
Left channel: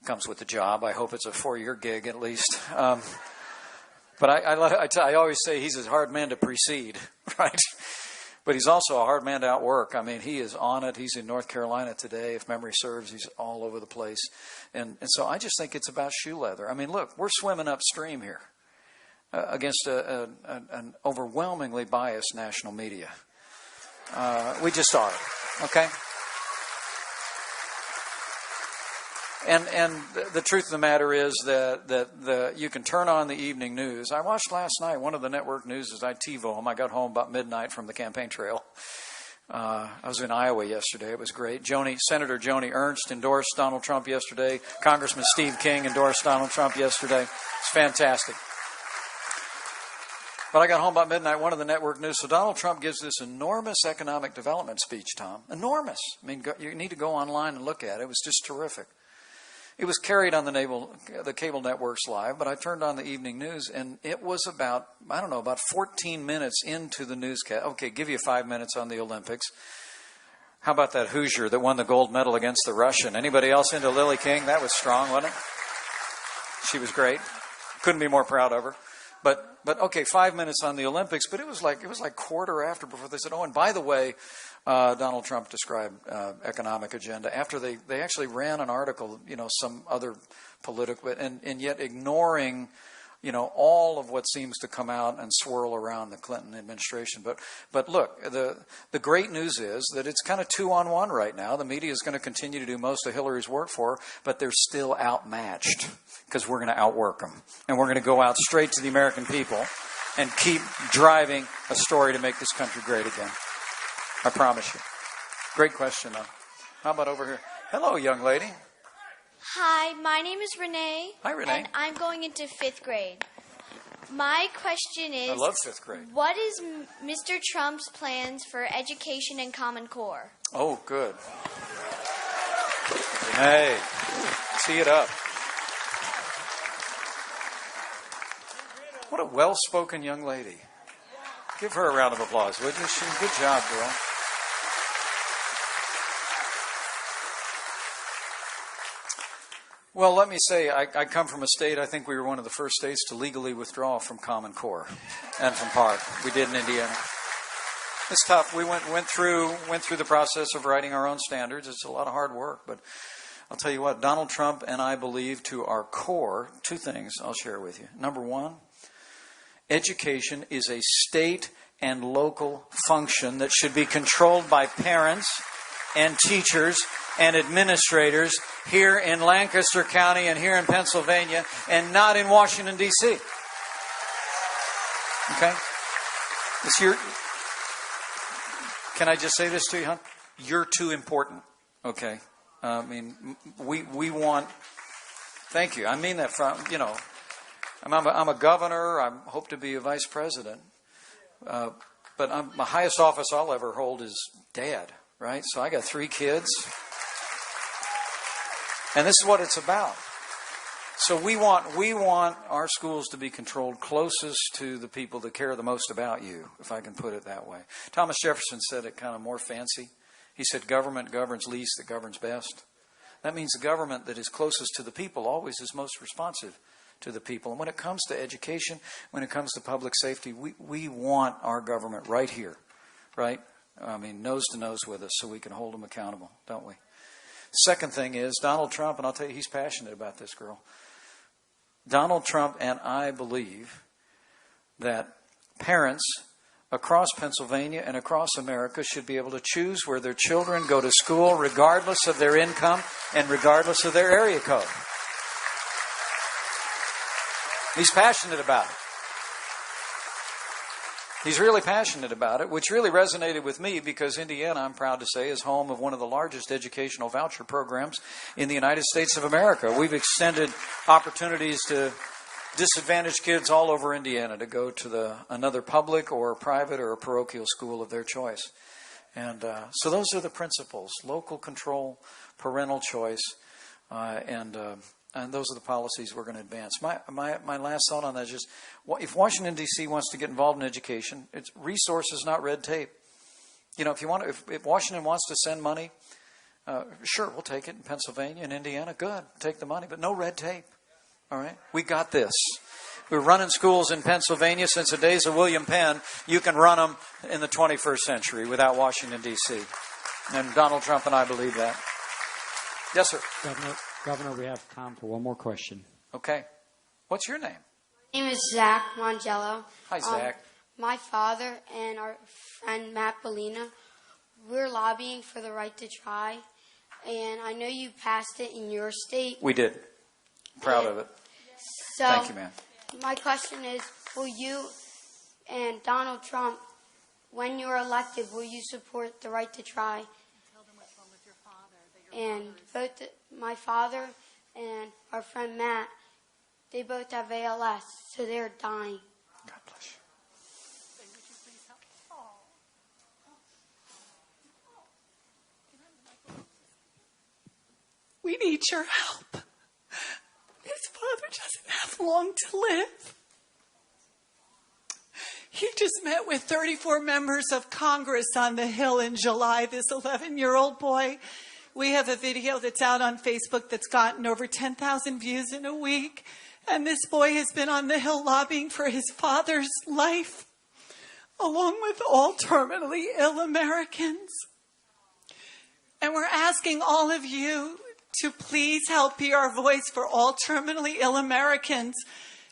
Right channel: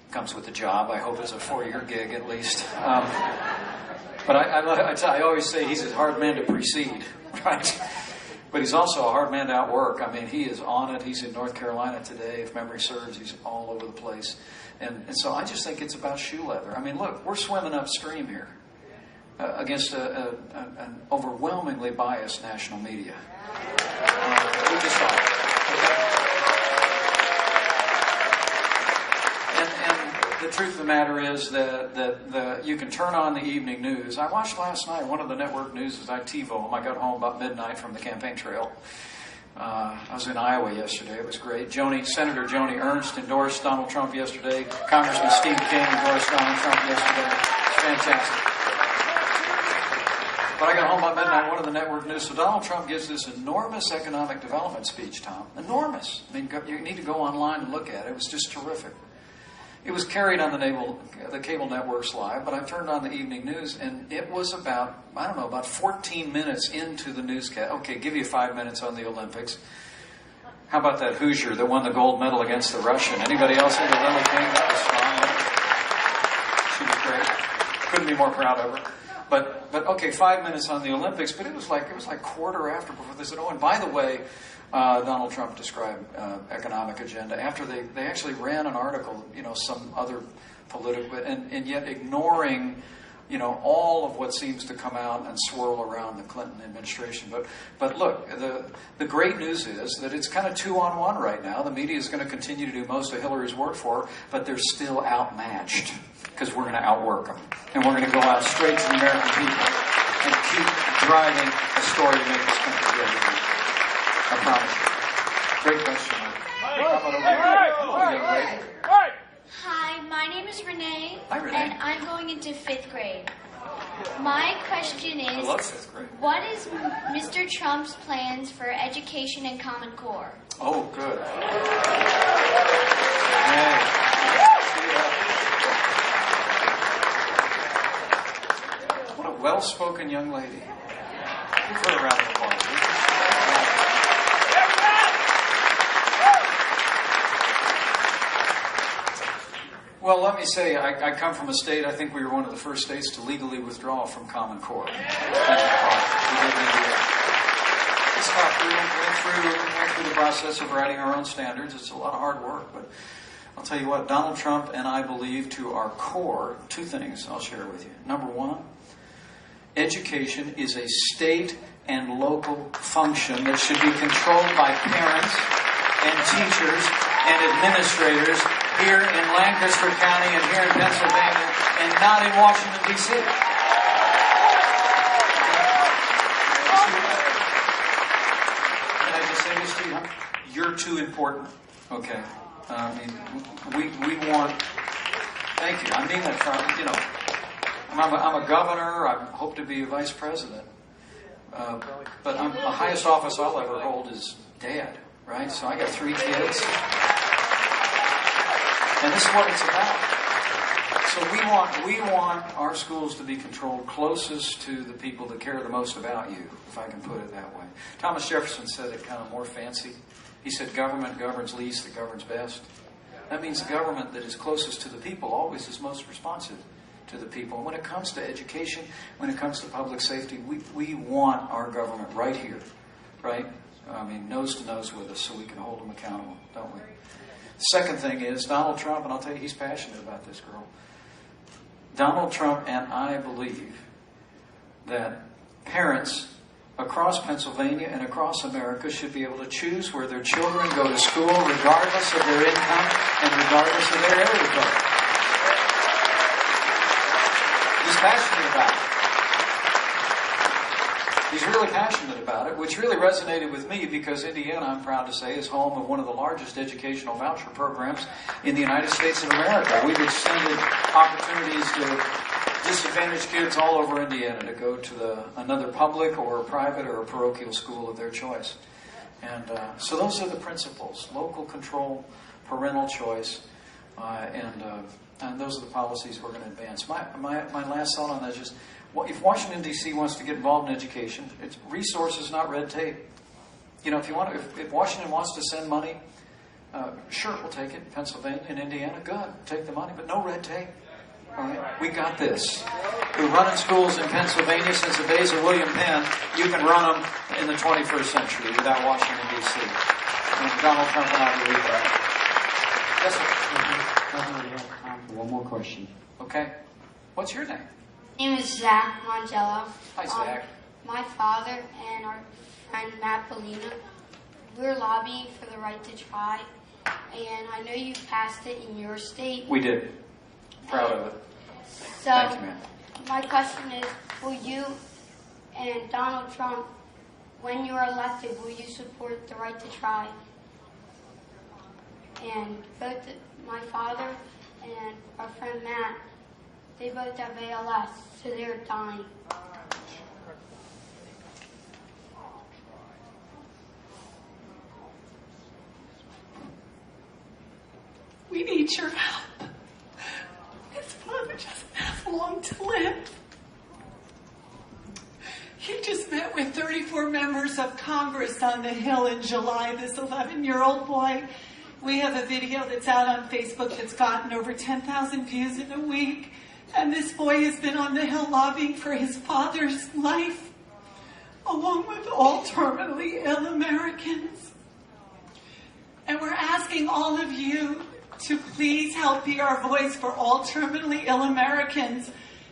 Comes with the job. I hope it's a 4-year gig at least. But I always say he's a hard man to precede, right? But he's also a hard man to outwork. I mean, he is on it. He's in North Carolina today. If memory serves, he's all over the place. And so I just think it's about shoe leather. I mean, look, we're swimming upstream here against an overwhelmingly biased national media. We just are. Okay? And the truth of the matter is that you can turn on the evening news. I watched last night, one of the network news is on TiVo. I got home about midnight from the campaign trail. I was in Iowa yesterday. It was great. Senator Joni Ernst endorsed Donald Trump yesterday. Congressman Steve King endorsed Donald Trump yesterday. It's fantastic. But I got home about midnight, one of the network news. So Donald Trump gives this enormous economic development speech, Tom. Enormous. I mean, you need to go online and look at it. It was just terrific. It was carried on the cable networks live, but I turned on the evening news, and it was about 14 minutes into the newscast. Okay, give you 5 minutes on the Olympics. How about that Hoosier that won the gold medal against the Russian? Anybody else into Lily King? That was strong, wasn't it? She was great. Couldn't be more proud of her. But okay, 5 minutes on the Olympics, but it was like quarter after before they said, oh, and by the way, Donald Trump described economic agenda after they actually ran an article, some other political, and yet ignoring, all of what seems to come out and swirl around the Clinton administration. But look, the great news is that it's kind of 2-on-1 right now. The media is going to continue to do most of Hillary's work for her, but they're still outmatched because we're going to outwork them. And we're going to go out straight to the American people and keep driving a story to make this country great again. I promise you. Great question. Hello, young lady. Hi, my name is Renee, Hi, Renee. and I'm going into 5th grade. My question is, I love 5th grade. what is Mr. Trump's plans for education and Common Core? Oh, good. Hey, tee it up. What a well-spoken young lady. Give her a round of applause, would you? Good job, man. Well, let me say, I come from a state, I think we were one of the first states to legally withdraw from Common Core. That's a part. We did in Indiana. It's tough. We went through the process of writing our own standards. It's a lot of hard work, but I'll tell you what, Donald Trump and I believe to our core 2 things I'll share with you. Number 1, education is a state and local function that should be controlled by parents and teachers and administrators here in Lancaster County and here in Pennsylvania and not in Washington, D.C. Okay? Can I just say this to you? Huh? You're too important. Okay? We want... Thank you. I mean that from, I'm a governor. I hope to be a vice president. But the highest office I'll ever hold is dad, right? So I got 3 kids. And this is what it's about. So we want our schools to be controlled closest to the people that care the most about you, if I can put it that way. Thomas Jefferson said it kind of more fancy. He said, government governs least, it governs best. That means the government that is closest to the people always is most responsive to the people. When it comes to education, when it comes to public safety, we want our government right here, right? Nose to nose with us so we can hold them accountable, don't we? Second thing is Donald Trump, and I'll tell you he's passionate about this, girl. Donald Trump and I believe that parents across Pennsylvania and across America should be able to choose where their children go to school regardless of their income and regardless of their area code. He's passionate about it. He's really passionate about it, which really resonated with me because Indiana, I'm proud to say, is home of one of the largest educational voucher programs in the United States of America. We've extended opportunities to disadvantaged kids all over Indiana to go to another public or private or parochial school of their choice. And so those are the principles: local control, parental choice, and those are the policies we're going to advance. My last thought on that is just, if Washington, D.C. wants to get involved in education, it's resources, not red tape. If Washington wants to send money, sure, we'll take it. In Pennsylvania and Indiana, good, take the money, but no red tape. All right, we got this. We've run schools in Pennsylvania since the days of William Penn. You can run them in the 21st century without Washington, D.C. And Donald Trump and I believe that. Yes, sir. Definitely have time for one more question. Okay. What's your name? My name is Zach Mongello. Hi, Zach. My father and our friend Matt Bellina, we're lobbying for the right to try, and I know you passed it in your state. We did. Proud of it. So, Thank you, ma'am. my question is, will you and Donald Trump, when you're elected, will you support the right to try? And both my father and our friend Matt, they both have ALS, so they're dying. We need your help. His father doesn't have long to live. He just met with 34 members of Congress on the Hill in July, this 11-year-old boy. We have a video that's out on Facebook that's gotten over 10,000 views in a week. And this boy has been on the Hill lobbying for his father's life, along with all terminally ill Americans. And we're asking all of you to please help be our voice for all terminally ill Americans,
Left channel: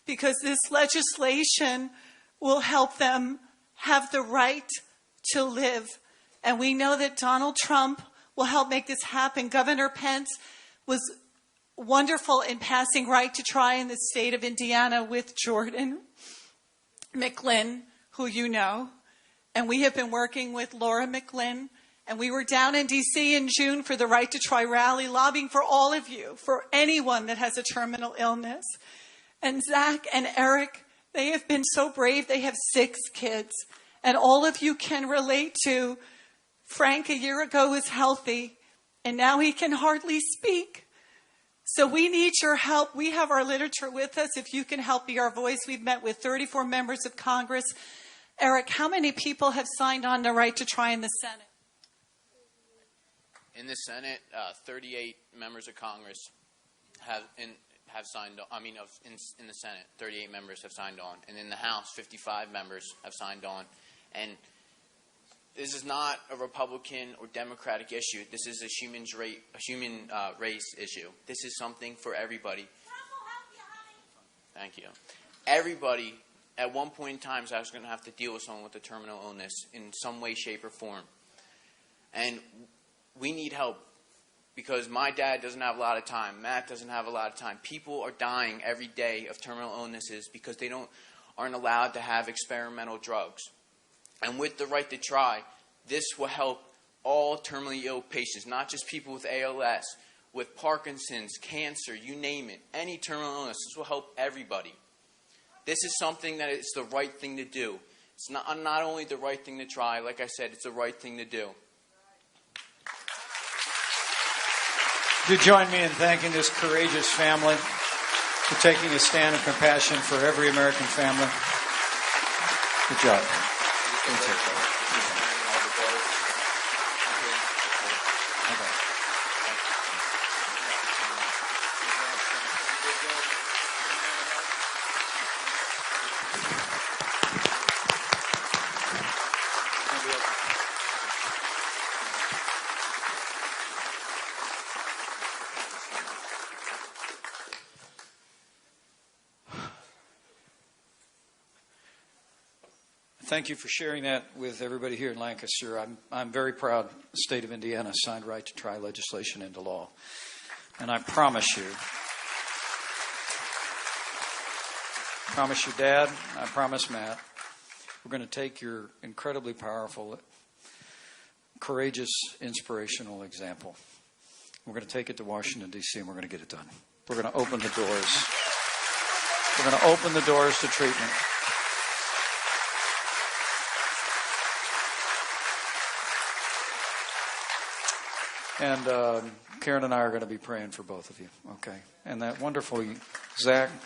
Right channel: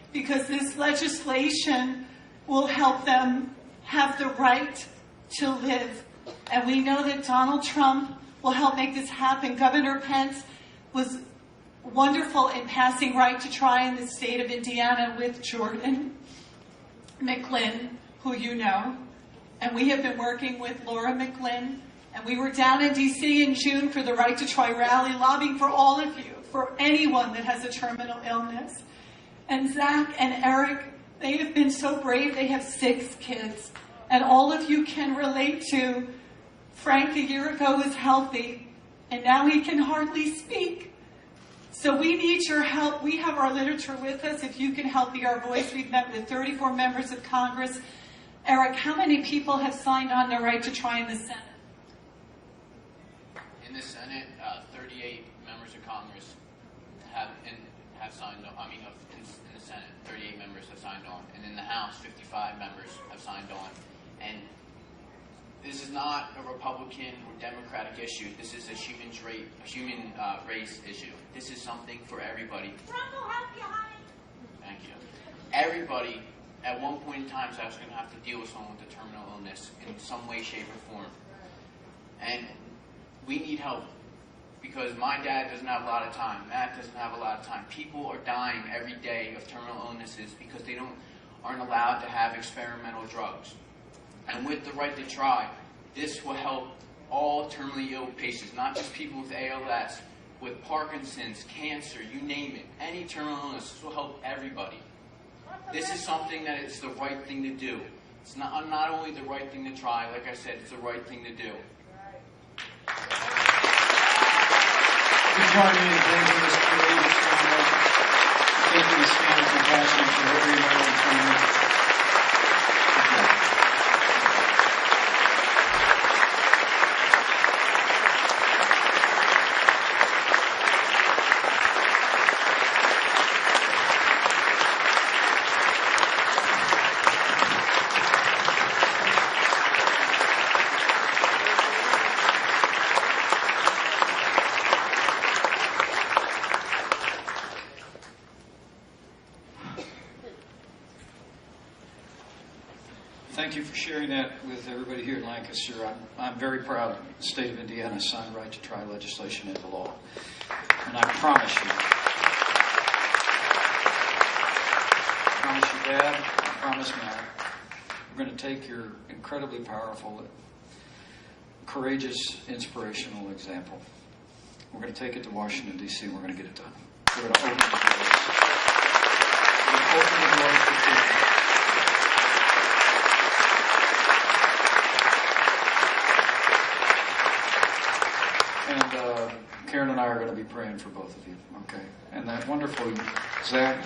because this legislation will help them have the right to live. And we know that Donald Trump will help make this happen. Governor Pence was wonderful in passing right to try in the state of Indiana with Jordan McLean, who you know. And we have been working with Laura McLean. And we were down in D.C. in June for the Right to Try rally, lobbying for all of you, for anyone that has a terminal illness. And Zach and Eric, they have been so brave. They have 6 kids. And all of you can relate to Frank a year ago was healthy, and now he can hardly speak. So we need your help. We have our literature with us. If you can help be our voice, we've met with 34 members of Congress. Eric, how many people have signed on the Right to Try in the Senate? In the Senate, 38 members of Congress have signed on. In the Senate, 38 members have signed on. And in the House, 55 members have signed on. And this is not a Republican or Democratic issue. This is a human race issue. This is something for everybody. Thank you. Everybody, at one point in time, is actually going to have to deal with someone with a terminal illness in some way, shape, or form. And we need help, because my dad doesn't have a lot of time. Matt doesn't have a lot of time. People are dying every day of terminal illnesses because they aren't allowed to have experimental drugs. And with the Right to Try, this will help all terminally ill patients, not just people with ALS, with Parkinson's, cancer, you name it. Any terminal illness, this will help everybody. This is something that is the right thing to do. It's not only the right thing to try, like I said, it's the right thing to do. You join me in thanking this courageous family for taking a stand of compassion for every American family. Good job. Thank you. Thank you for sharing that with everybody here in Lancaster. I'm very proud the state of Indiana signed right to try legislation into law. And I promise you, Dad, I promise Matt, we're going to take your incredibly powerful, courageous, inspirational example. We're going to take it to Washington, D.C., and we're going to get it done. We're going to open the doors. We're going to open the doors to treatment. And Karen and I are going to be praying for both of you, okay? And that wonderful Zach,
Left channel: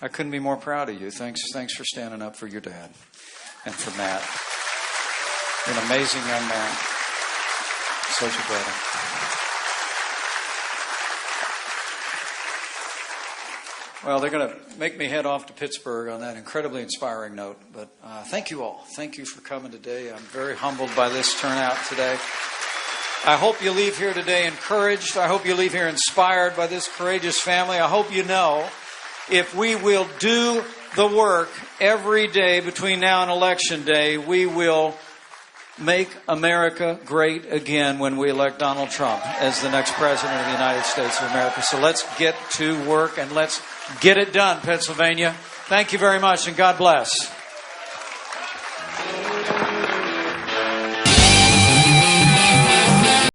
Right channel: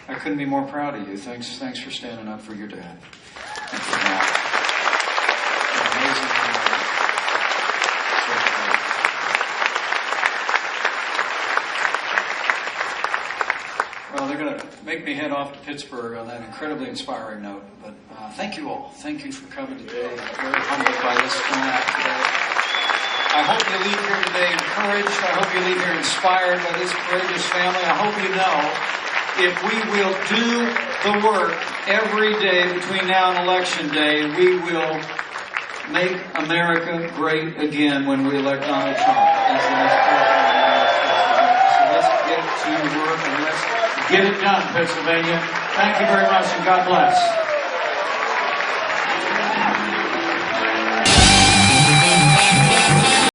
I couldn't be more proud of you. Thanks for standing up for your dad and for Matt. An amazing young man. Such a brother. Well, they're going to make me head off to Pittsburgh on that incredibly inspiring note, but thank you all. Thank you for coming today. I'm very humbled by this turnout today. I hope you leave here today encouraged. I hope you leave here inspired by this courageous family. I hope you know if we will do the work every day between now and Election Day, we will make America great again when we elect Donald Trump as the next president of the United States of America. So let's get to work and let's get it done, Pennsylvania. Thank you very much and God bless.